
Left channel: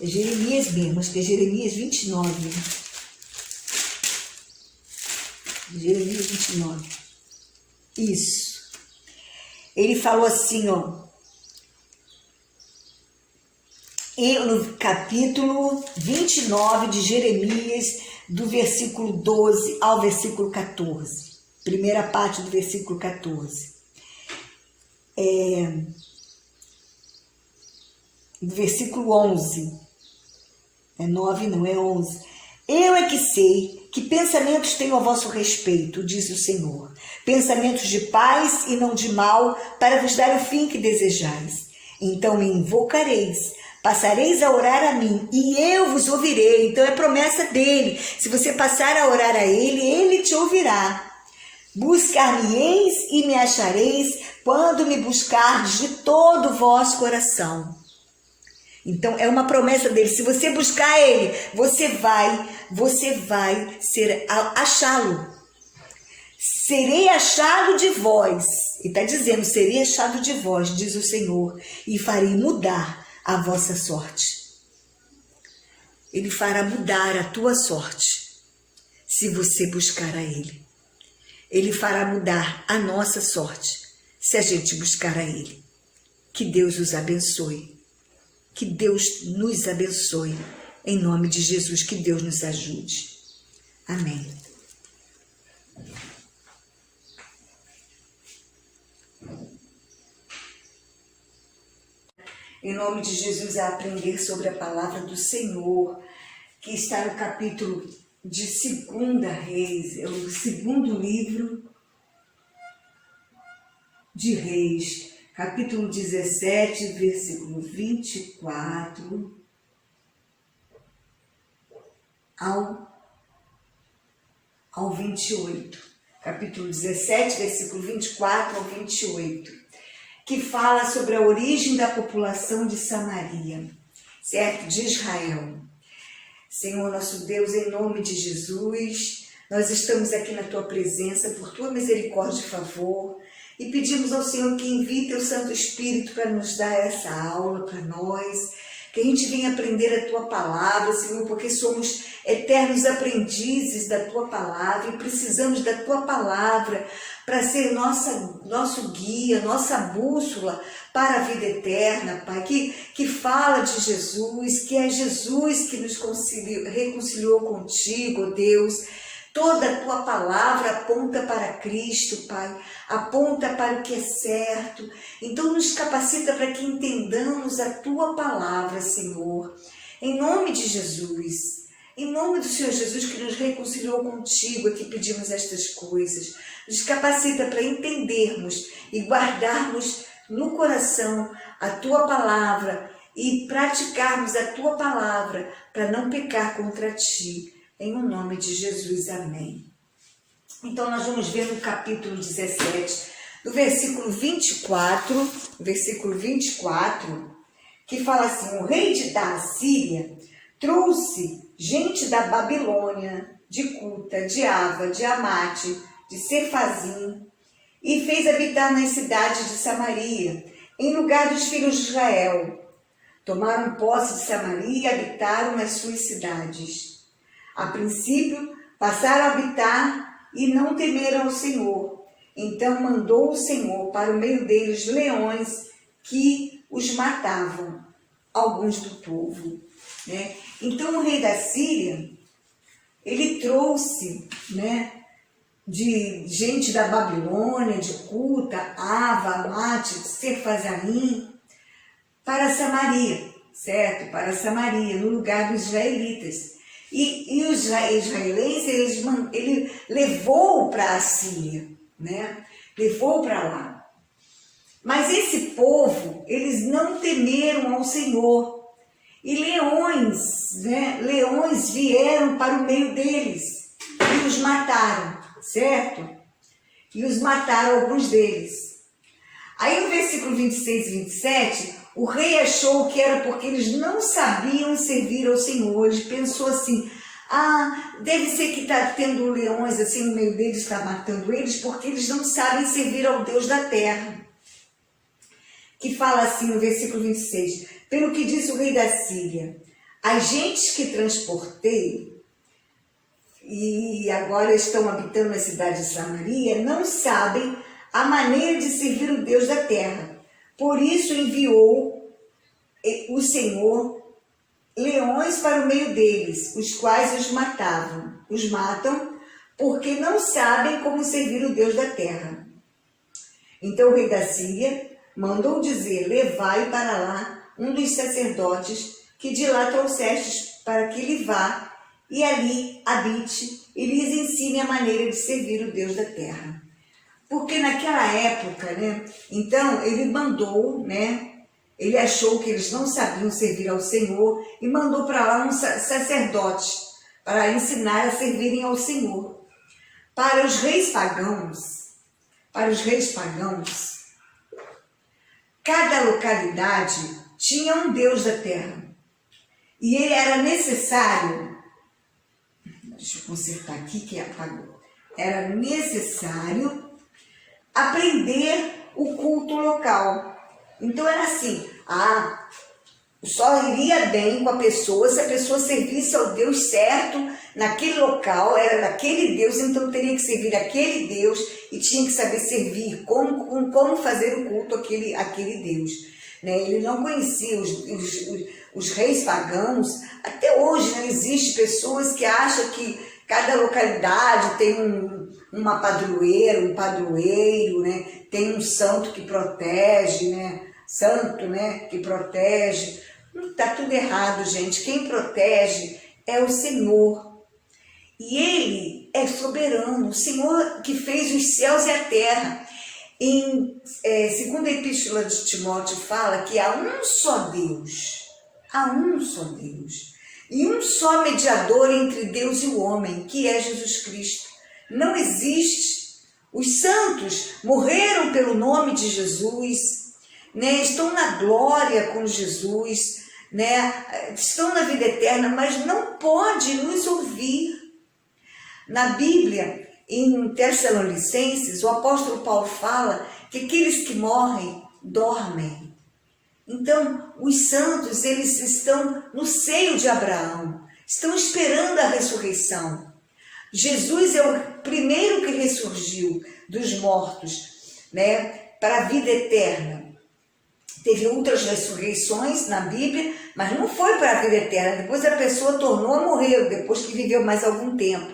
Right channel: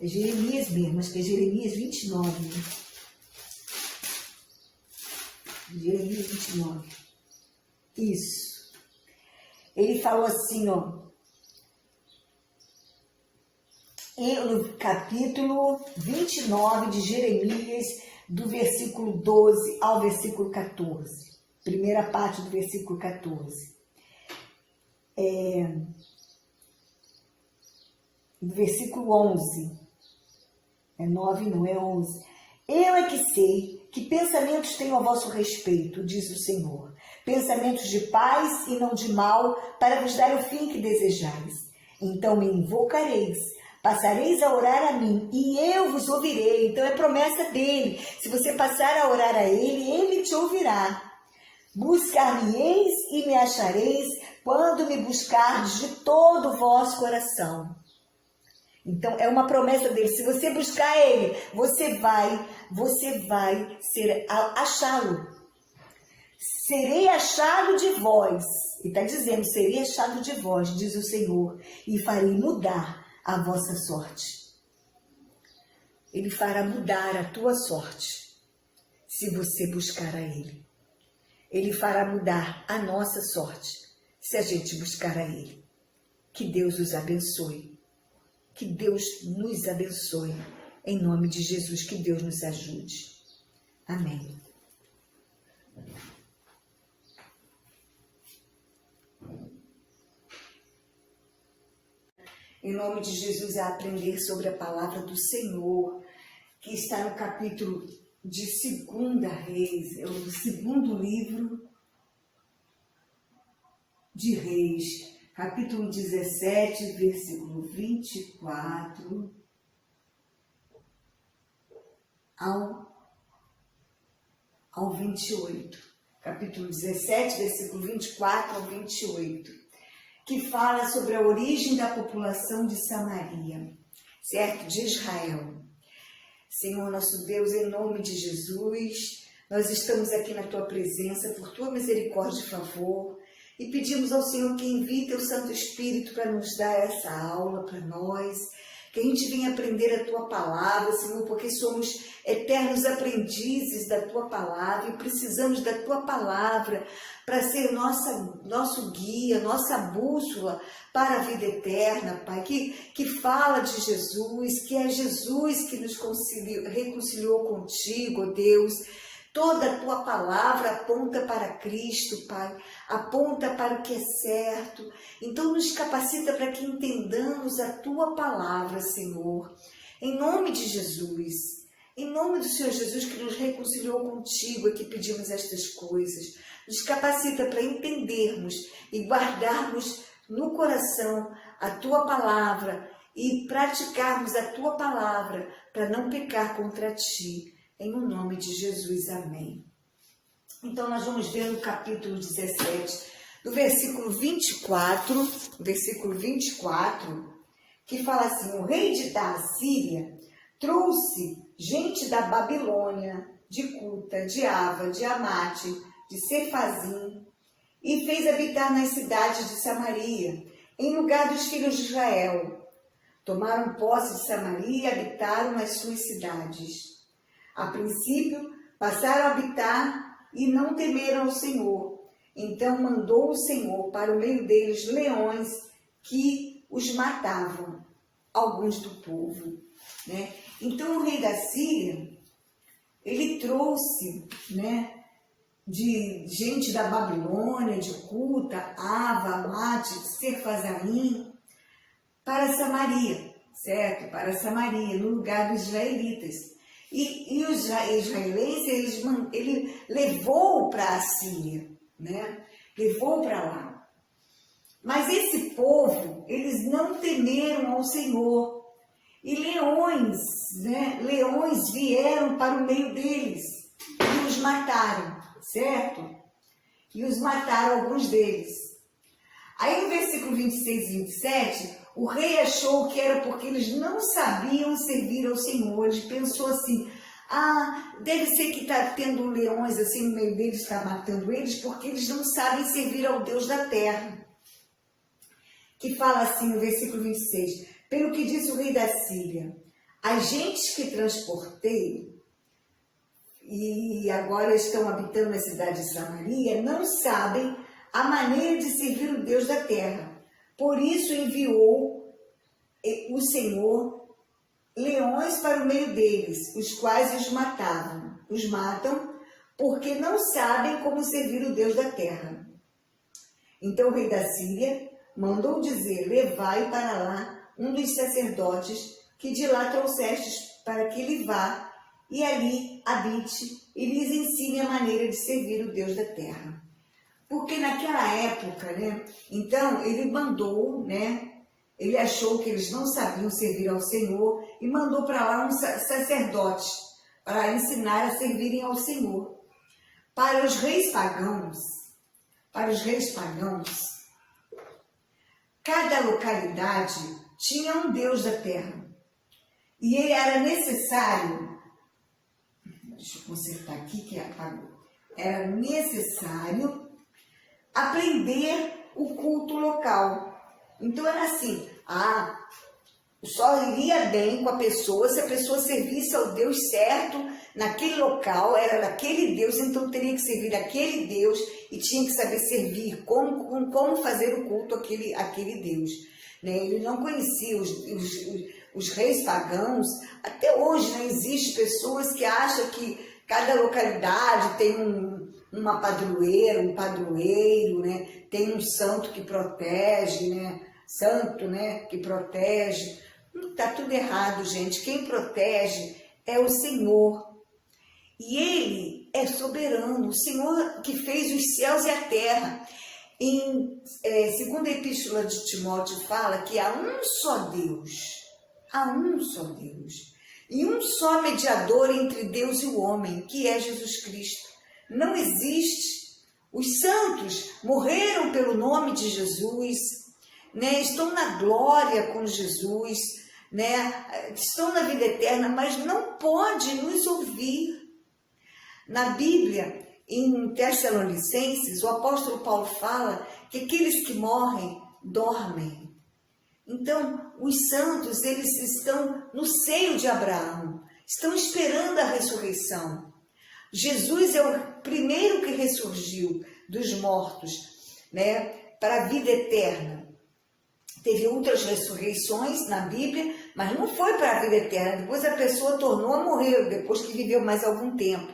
É Jeremias mesmo, acho que é Jeremias 29. Jeremias 29. Isso. Ele falou assim, ó. E no capítulo 29 de Jeremias, do versículo 12 ao versículo 14. Primeira parte do versículo 14. Do versículo 11. É 9, não é 11. Eu é que sei que pensamentos tenho a vosso respeito, diz o Senhor. Pensamentos de paz e não de mal, para vos dar o fim que desejais. Então me invocareis, passareis a orar a mim, e eu vos ouvirei. Então é promessa dele. Se você passar a orar a ele, ele te ouvirá. Buscar-me-eis e me achareis, quando me buscardes de todo o vosso coração. Então, é uma promessa dele. Se você buscar ele, você vai achá-lo. Serei achado de vós. E está dizendo, serei achado de vós, diz o Senhor, e farei mudar a vossa sorte. Ele fará mudar a tua sorte, se você buscar a ele. Ele fará mudar a nossa sorte, se a gente buscar a ele. Que Deus os abençoe. Que Deus nos abençoe, em nome de Jesus, que Deus nos ajude. Amém. Em nome de Jesus, a aprender sobre a palavra do Senhor, que está no capítulo de 2 Reis, é o segundo livro de Reis, capítulo 17, versículo 24 ao 28. Capítulo 17, versículo 24 ao 28, que fala sobre a origem da população de Samaria, certo? De Israel. Senhor nosso Deus, em nome de Jesus, nós estamos aqui na Tua presença, por Tua misericórdia e favor, e pedimos ao Senhor que envie Teu Santo Espírito para nos dar essa aula para nós, que a gente venha aprender a Tua palavra, Senhor, porque somos eternos aprendizes da Tua palavra e precisamos da Tua palavra para ser nosso guia, nossa bússola para a vida eterna, Pai, que fala de Jesus, que é Jesus que nos reconciliou contigo, ó Deus. Toda a Tua palavra aponta para Cristo, Pai, aponta para o que é certo. Então nos capacita para que entendamos a Tua palavra, Senhor. Em nome de Jesus, em nome do Senhor Jesus que nos reconciliou contigo, é que pedimos estas coisas. Nos capacita para entendermos e guardarmos no coração a Tua palavra e praticarmos a Tua palavra para não pecar contra Ti. Em o nome de Jesus, amém. Então, nós vamos ver no capítulo 17 no versículo 24, que fala assim: o rei da Assíria trouxe gente da Babilônia, de Cuta, de Ava, de Amate, de Sefazim, e fez habitar nas cidades de Samaria, em lugar dos filhos de Israel. Tomaram posse de Samaria e habitaram nas suas cidades. A princípio, passaram a habitar e não temeram ao Senhor. Então mandou o Senhor para o meio deles leões que os matavam, alguns do povo. Né? Então o rei da Síria, ele trouxe, né, de gente da Babilônia, de Cuta, Ava, Amate, Sefazaim, para Samaria, certo? Para Samaria, no lugar dos israelitas. E os israelenses, ele levou para a Síria, né? Levou para lá. Mas esse povo, eles não temeram ao Senhor. E leões, né? Leões vieram para o meio deles e os mataram, certo? E os mataram alguns deles. Aí o versículo 26 e 27, o rei achou que era porque eles não sabiam servir ao Senhor. Ele pensou assim: deve ser que está tendo leões assim no meio deles, está matando eles, porque eles não sabem servir ao Deus da terra. Que fala assim no versículo 26, pelo que disse o rei da Síria: as gentes que transportei e agora estão habitando na cidade de Samaria não sabem a maneira de servir o Deus da terra. Por isso enviou o Senhor leões para o meio deles, os quais os matam, porque não sabem como servir o Deus da terra. Então o rei da Síria mandou dizer: levai para lá um dos sacerdotes que de lá trouxestes, para que ele vá e ali habite e lhes ensine a maneira de servir o Deus da terra. Porque naquela época, né, então ele mandou, né, ele achou que eles não sabiam servir ao Senhor e mandou para lá um sacerdote para ensinar a servirem ao Senhor. Para os reis pagãos, cada localidade tinha um Deus da terra. E ele era necessário, deixa eu consertar aqui que apagou, era necessário aprender o culto local. Então era assim, só iria bem com a pessoa se a pessoa servisse ao Deus certo naquele local, era daquele Deus, então teria que servir aquele Deus e tinha que saber servir, como fazer o culto àquele Deus. Né? Ele não conhecia os reis pagãos. Até hoje não existe pessoas que acham que cada localidade tem uma padroeira, um padroeiro, né? Tem um santo que protege, né? Que protege. Está tudo errado, gente. Quem protege é o Senhor. E Ele é soberano. O Senhor que fez os céus e a terra. Em segunda epístola de Timóteo fala que há um só Deus. Há um só Deus. E um só mediador entre Deus e o homem, que é Jesus Cristo. Não existe. Os santos morreram pelo nome de Jesus, né? Estão na glória com Jesus, né? Estão na vida eterna, mas não pode nos ouvir. Na Bíblia, em Tessalonicenses, o apóstolo Paulo fala que aqueles que morrem, dormem. Então, os santos, eles estão no seio de Abraão, estão esperando a ressurreição. Jesus é o primeiro que ressurgiu dos mortos, né, para a vida eterna. Teve outras ressurreições na Bíblia, mas não foi para a vida eterna. Depois a pessoa tornou a morrer, depois que viveu mais algum tempo.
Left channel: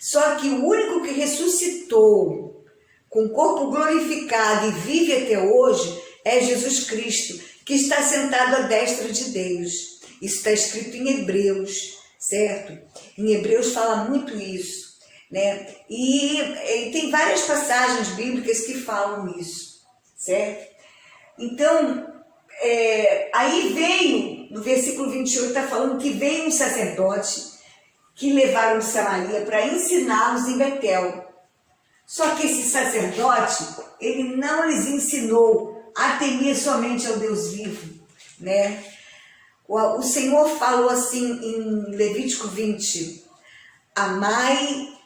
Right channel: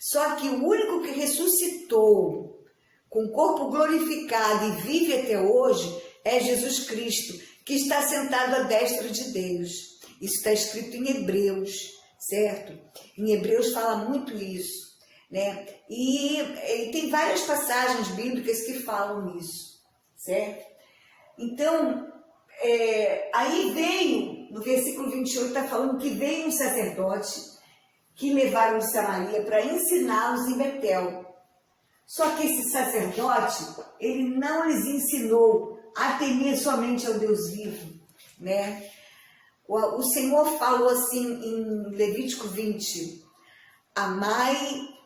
Só que o único que ressuscitou com o corpo glorificado e vive até hoje é Jesus Cristo, que está sentado à destra de Deus. Isso está escrito em Hebreus, certo? Em Hebreus fala muito isso, né? E tem várias passagens bíblicas que falam isso, certo? Então, aí veio, no versículo 28, está falando que veio um sacerdote que levaram de Samaria para ensiná-los em Betel. Só que esse sacerdote, ele não lhes ensinou a temer somente ao Deus vivo, né? O Senhor falou assim em Levítico 20, amai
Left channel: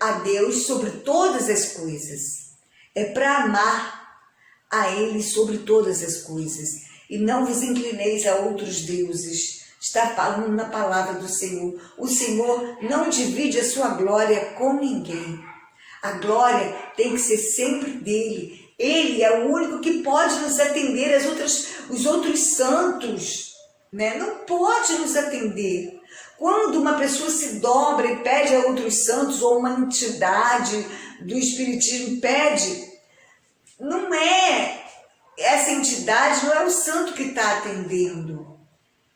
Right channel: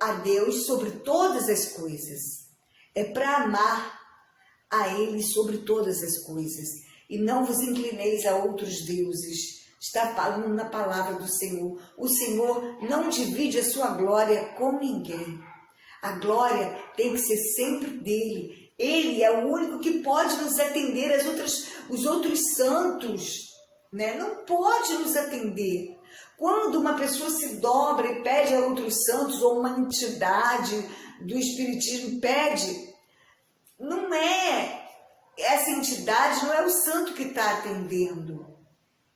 a Deus sobre todas as coisas. É para amar a Ele sobre todas as coisas. E não vos inclineis a outros deuses. Está falando na palavra do Senhor. O Senhor não divide a sua glória com ninguém. A glória tem que ser sempre dele. Ele é o único que pode nos atender. Os outros santos, né, não pode nos atender. Quando uma pessoa se dobra e pede a outros santos, ou uma entidade do Espiritismo pede, não é essa entidade, não é o santo que está atendendo.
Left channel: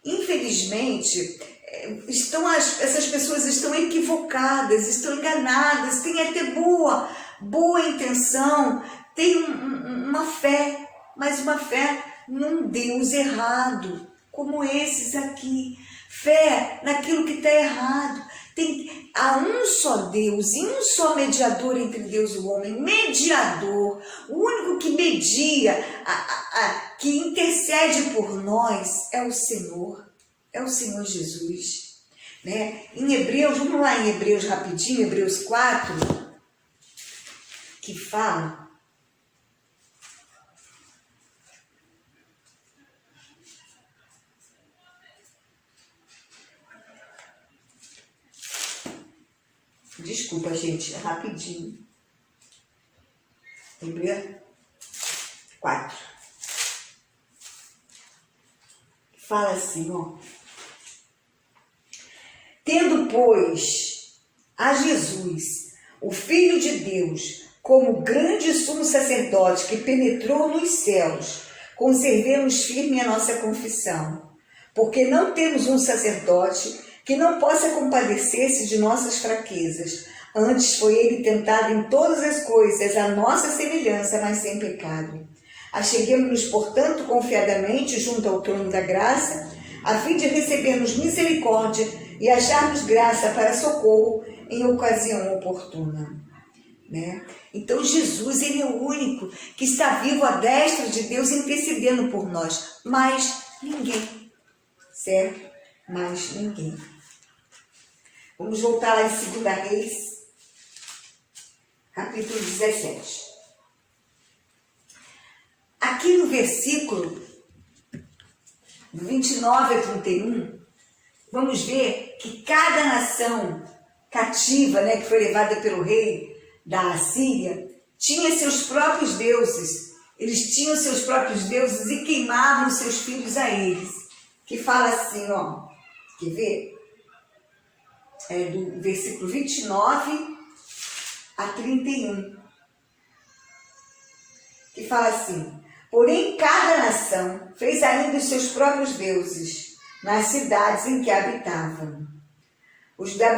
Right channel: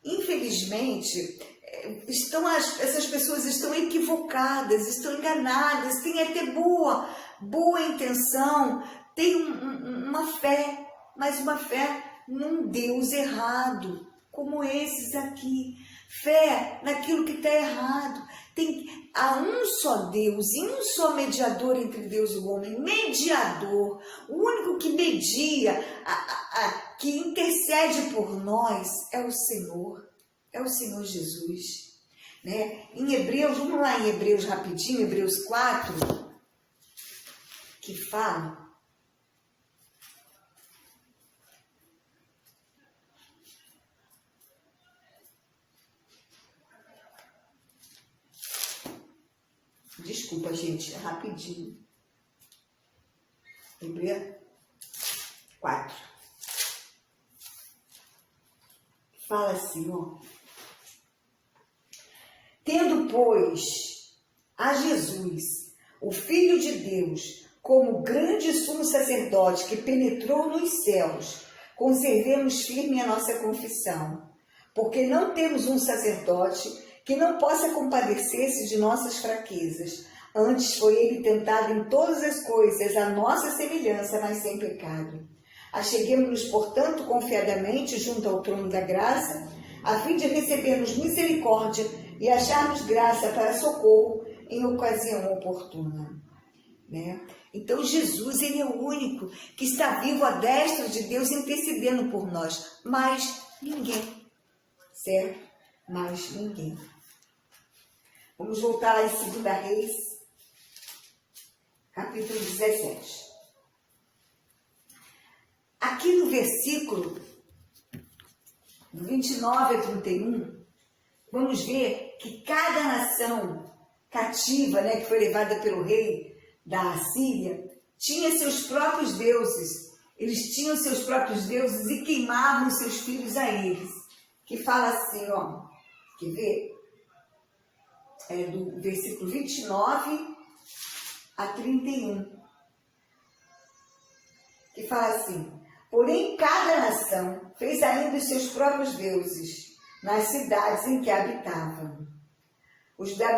Infelizmente, essas pessoas estão equivocadas, estão enganadas, têm até boa intenção, têm uma fé, mas uma fé num Deus errado, como esses aqui. Fé naquilo que está errado. Há um só Deus e um só mediador entre Deus e o homem. Mediador, o único que media, que intercede por nós é o Senhor Jesus. Né? Em Hebreus, vamos lá em Hebreus rapidinho, Hebreus 4, que fala... Desculpa, gente, rapidinho. Hebreus 4. Fala assim, ó. Tendo, pois, a Jesus, o Filho de Deus, como grande sumo sacerdote que penetrou nos céus, conservemos firme a nossa confissão, porque não temos um sacerdote que não possa compadecer-se de nossas fraquezas. Antes foi ele tentado em todas as coisas, a nossa semelhança, mas sem pecado. Acheguemo-nos, portanto, confiadamente junto ao trono da graça, a fim de recebermos misericórdia e acharmos graça para socorro em ocasião oportuna. Né? Então Jesus, ele é o único que está vivo à destra de Deus intercedendo por nós, mas ninguém, certo? Mas ninguém. Vamos voltar lá em 2 Reis, capítulo 17. Aqui no versículo 29 a 31, vamos ver que cada nação cativa, né, que foi levada pelo rei da Assíria, tinha seus próprios deuses. Eles tinham seus próprios deuses e queimavam seus filhos a eles. Que fala assim, ó, quer ver? É do versículo 29 a 31. Que fala assim: porém, cada nação fez ainda os seus próprios deuses nas cidades em que habitavam. Os da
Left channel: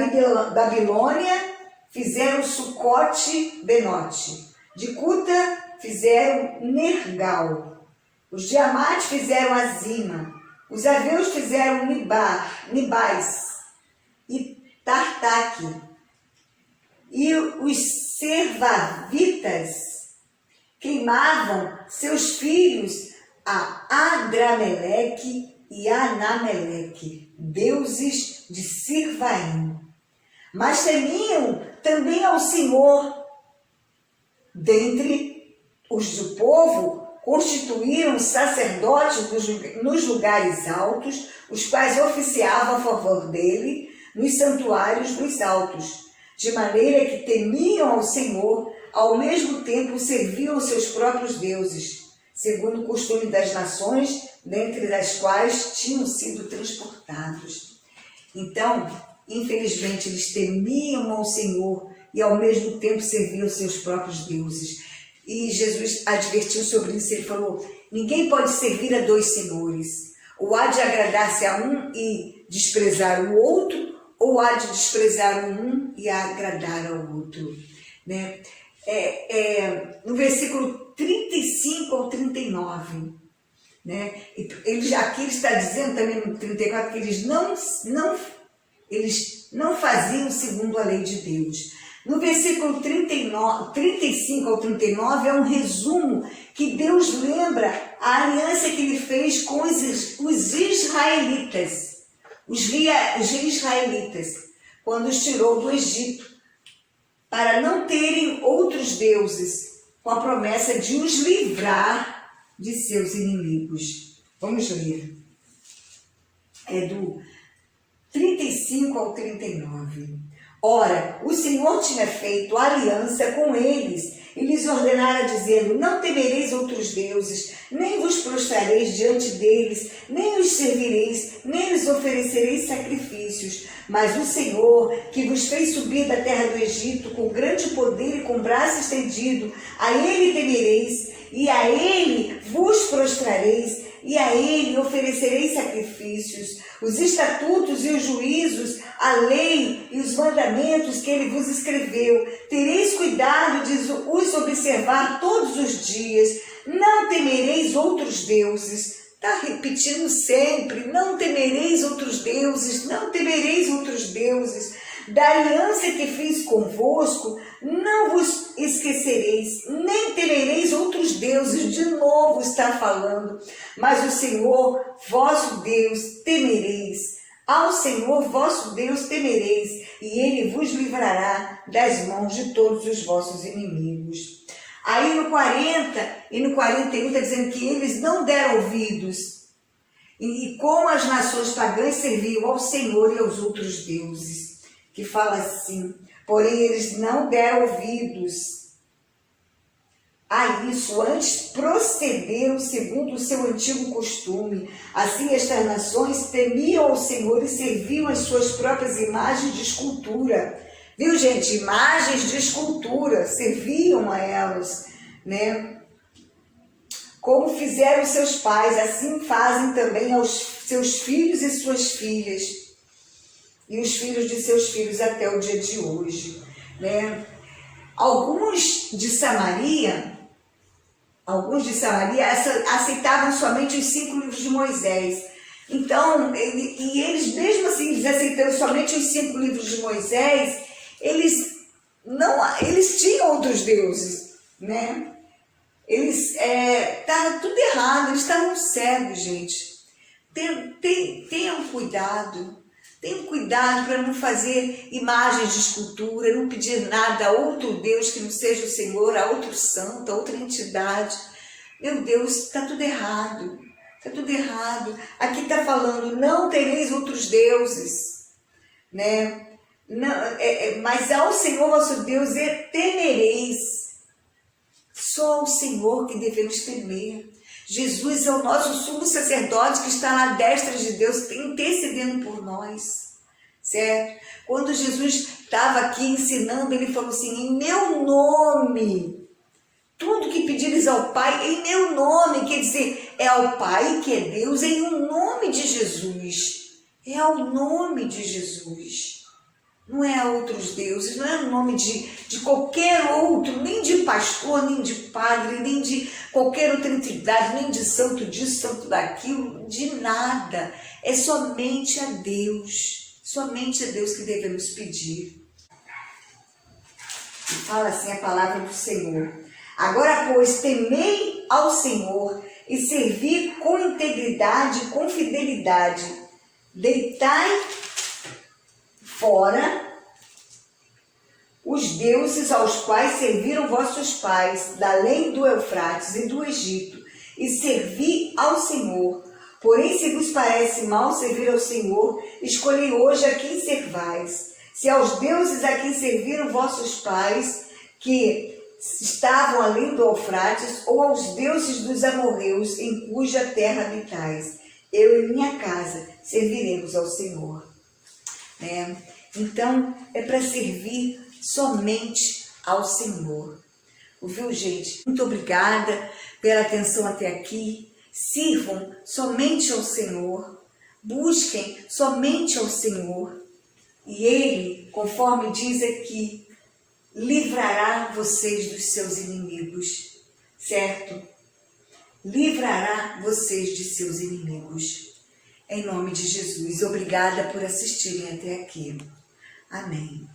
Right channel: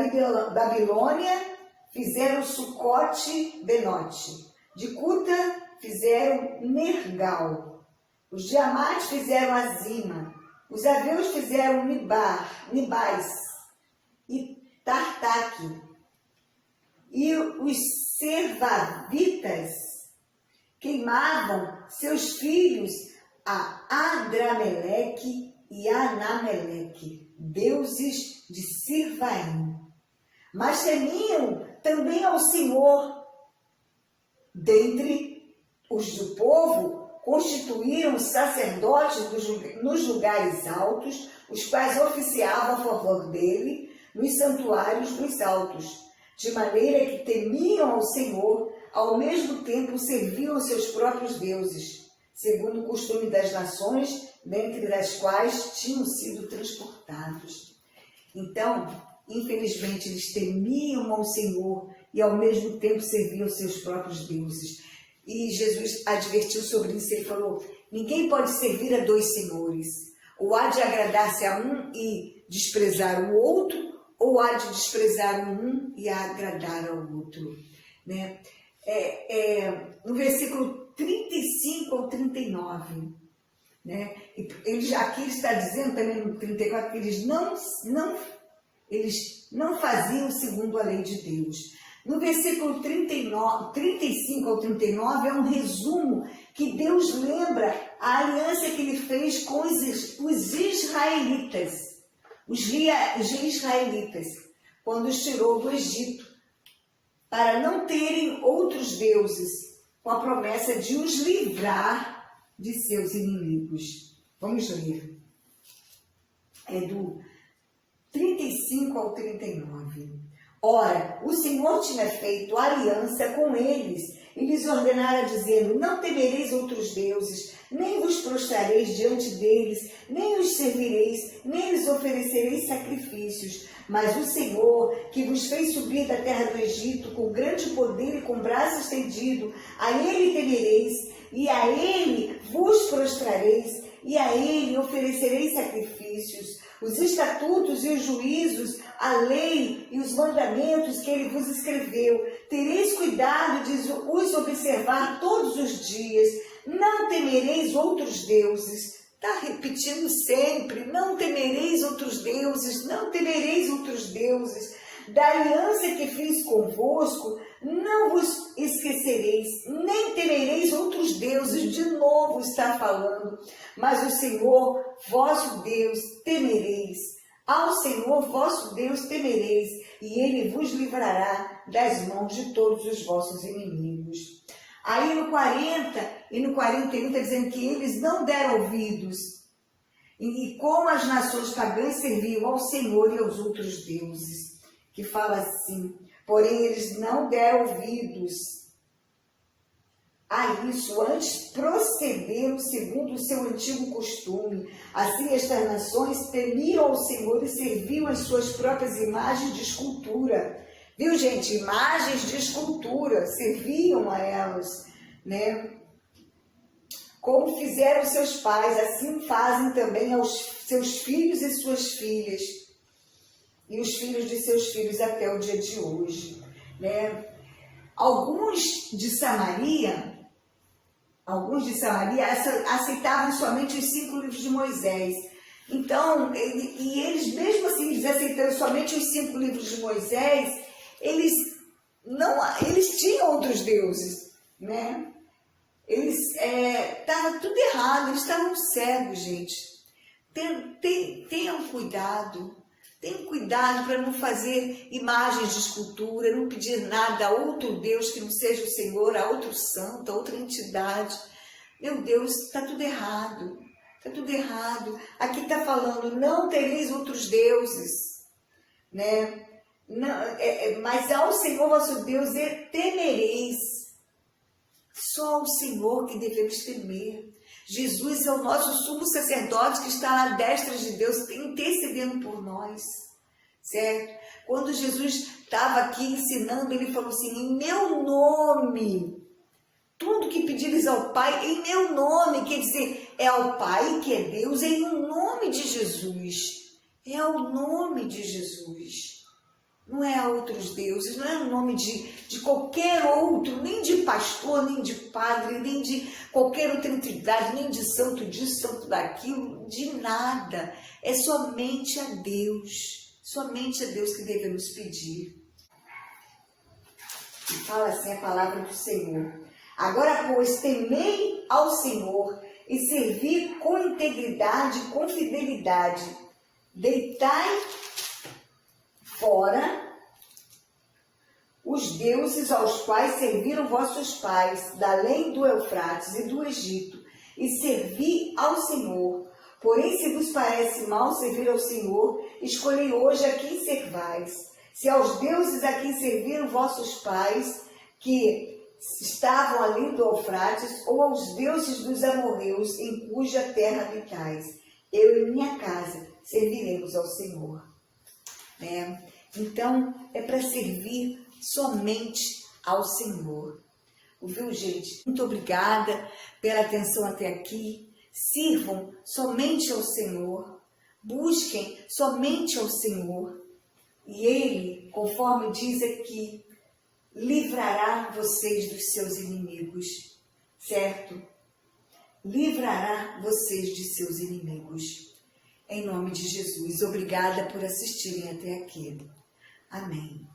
Babilônia fizeram Sucote-Benote. De Cuta fizeram Nergal. Os de Amate fizeram Azima. Os aveus fizeram Nibais e Tartaque. E os servavitas queimavam seus filhos a Adrameleque e Anameleque, deuses de Sirvaim. Mas temiam também ao Senhor. Dentre os do povo, constituíram sacerdotes nos lugares altos, os quais oficiavam a favor dele nos santuários dos altos, de maneira que temiam ao Senhor, ao mesmo tempo serviam seus próprios deuses, segundo o costume das nações, dentre as quais tinham sido transportados. Então, infelizmente, eles temiam ao Senhor e ao mesmo tempo serviam seus próprios deuses. E Jesus advertiu sobre isso, ele falou: ninguém pode servir a dois senhores, ou há de agradar-se a um e desprezar o outro, ou há de desprezar um e agradar ao outro. Né? No versículo 35 ao 39, né? Aqui ele está dizendo também no 34 que eles não faziam segundo a lei de Deus. No versículo 35 ao 39 é um resumo que Deus lembra a aliança que ele fez com os israelitas, os israelitas, quando os tirou do Egito, para não terem outros deuses, com a promessa de os livrar de seus inimigos. Vamos ler. É do 35 ao 39. Ora, o Senhor tinha feito aliança com eles e lhes ordenara dizendo: não temereis outros deuses, nem vos prostrareis diante deles, nem os servireis, nem lhes oferecereis sacrifícios. Mas o Senhor, que vos fez subir da terra do Egito com grande poder e com braço estendido, a Ele temereis, e a Ele vos prostrareis, e a Ele oferecereis sacrifícios. Os estatutos e os juízos, a lei e os mandamentos que Ele vos escreveu, tereis cuidado de os observar todos os dias. Não temereis outros deuses. Está repetindo sempre: não temereis outros deuses, não temereis outros deuses. Da aliança que fiz convosco, não vos esquecereis, nem temereis outros deuses. De novo está falando. Mas o Senhor, vosso Deus, temereis. Ao Senhor, vosso Deus, temereis, e Ele vos livrará das mãos de todos os vossos inimigos. Aí no 40 e no 41 está dizendo que eles não deram ouvidos. E como as nações pagãs serviam ao Senhor e aos outros deuses. Que fala assim: porém eles não deram ouvidos a isso, antes procederam segundo o seu antigo costume. Assim estas nações temiam ao Senhor e serviam as suas próprias imagens de escultura. Viu, gente? Imagens de escultura, serviam a elas, né? Como fizeram seus pais, assim fazem também aos seus filhos e suas filhas, e os filhos de seus filhos até o dia de hoje, né? Alguns de Samaria aceitavam somente os 5 livros de Moisés. Então, eles mesmo assim, eles aceitando somente os 5 livros de Moisés, eles tinham outros deuses, né? Estava tudo errado, eles estavam cegos, gente. Tenham cuidado. Tenham cuidado para não fazer imagens de escultura, não pedir nada a outro Deus que não seja o Senhor, a outro santo, a outra entidade. Meu Deus, está tudo errado. Está tudo errado. Aqui está falando: não tereis outros deuses, né? Não, mas ao Senhor vosso Deus temereis. Só ao Senhor que devemos temer. Jesus é o nosso sumo sacerdote que está na destra de Deus, intercedendo por nós, certo? Quando Jesus estava aqui ensinando, ele falou assim: em meu nome, tudo que pedires ao Pai, em meu nome, quer dizer, é ao Pai que é Deus, em um nome de Jesus, é ao nome de Jesus. Não é a outros deuses, não é o nome de qualquer outro, nem de pastor, nem de padre, nem de qualquer outra entidade, nem de santo disso, santo daquilo, de nada. É somente a Deus que devemos pedir. E fala assim a palavra do Senhor: agora, pois, temei ao Senhor e servi com integridade e com fidelidade. Deitai fora os deuses aos quais serviram vossos pais, da além do Eufrates e do Egito, e servi ao Senhor. Porém, se vos parece mal servir ao Senhor, escolhei hoje a quem servais. Se aos deuses a quem serviram vossos pais, que estavam além do Eufrates, ou aos deuses dos amorreus, em cuja terra habitais. Eu e minha casa serviremos ao Senhor. Então, é para servir somente ao Senhor. Ouviu, gente? Muito obrigada pela atenção até aqui. Sirvam somente ao Senhor. Busquem somente ao Senhor. E Ele, conforme diz aqui, livrará vocês dos seus inimigos. Certo? Livrará vocês de seus inimigos. Em nome de Jesus, obrigada por assistirem até aqui. Amém.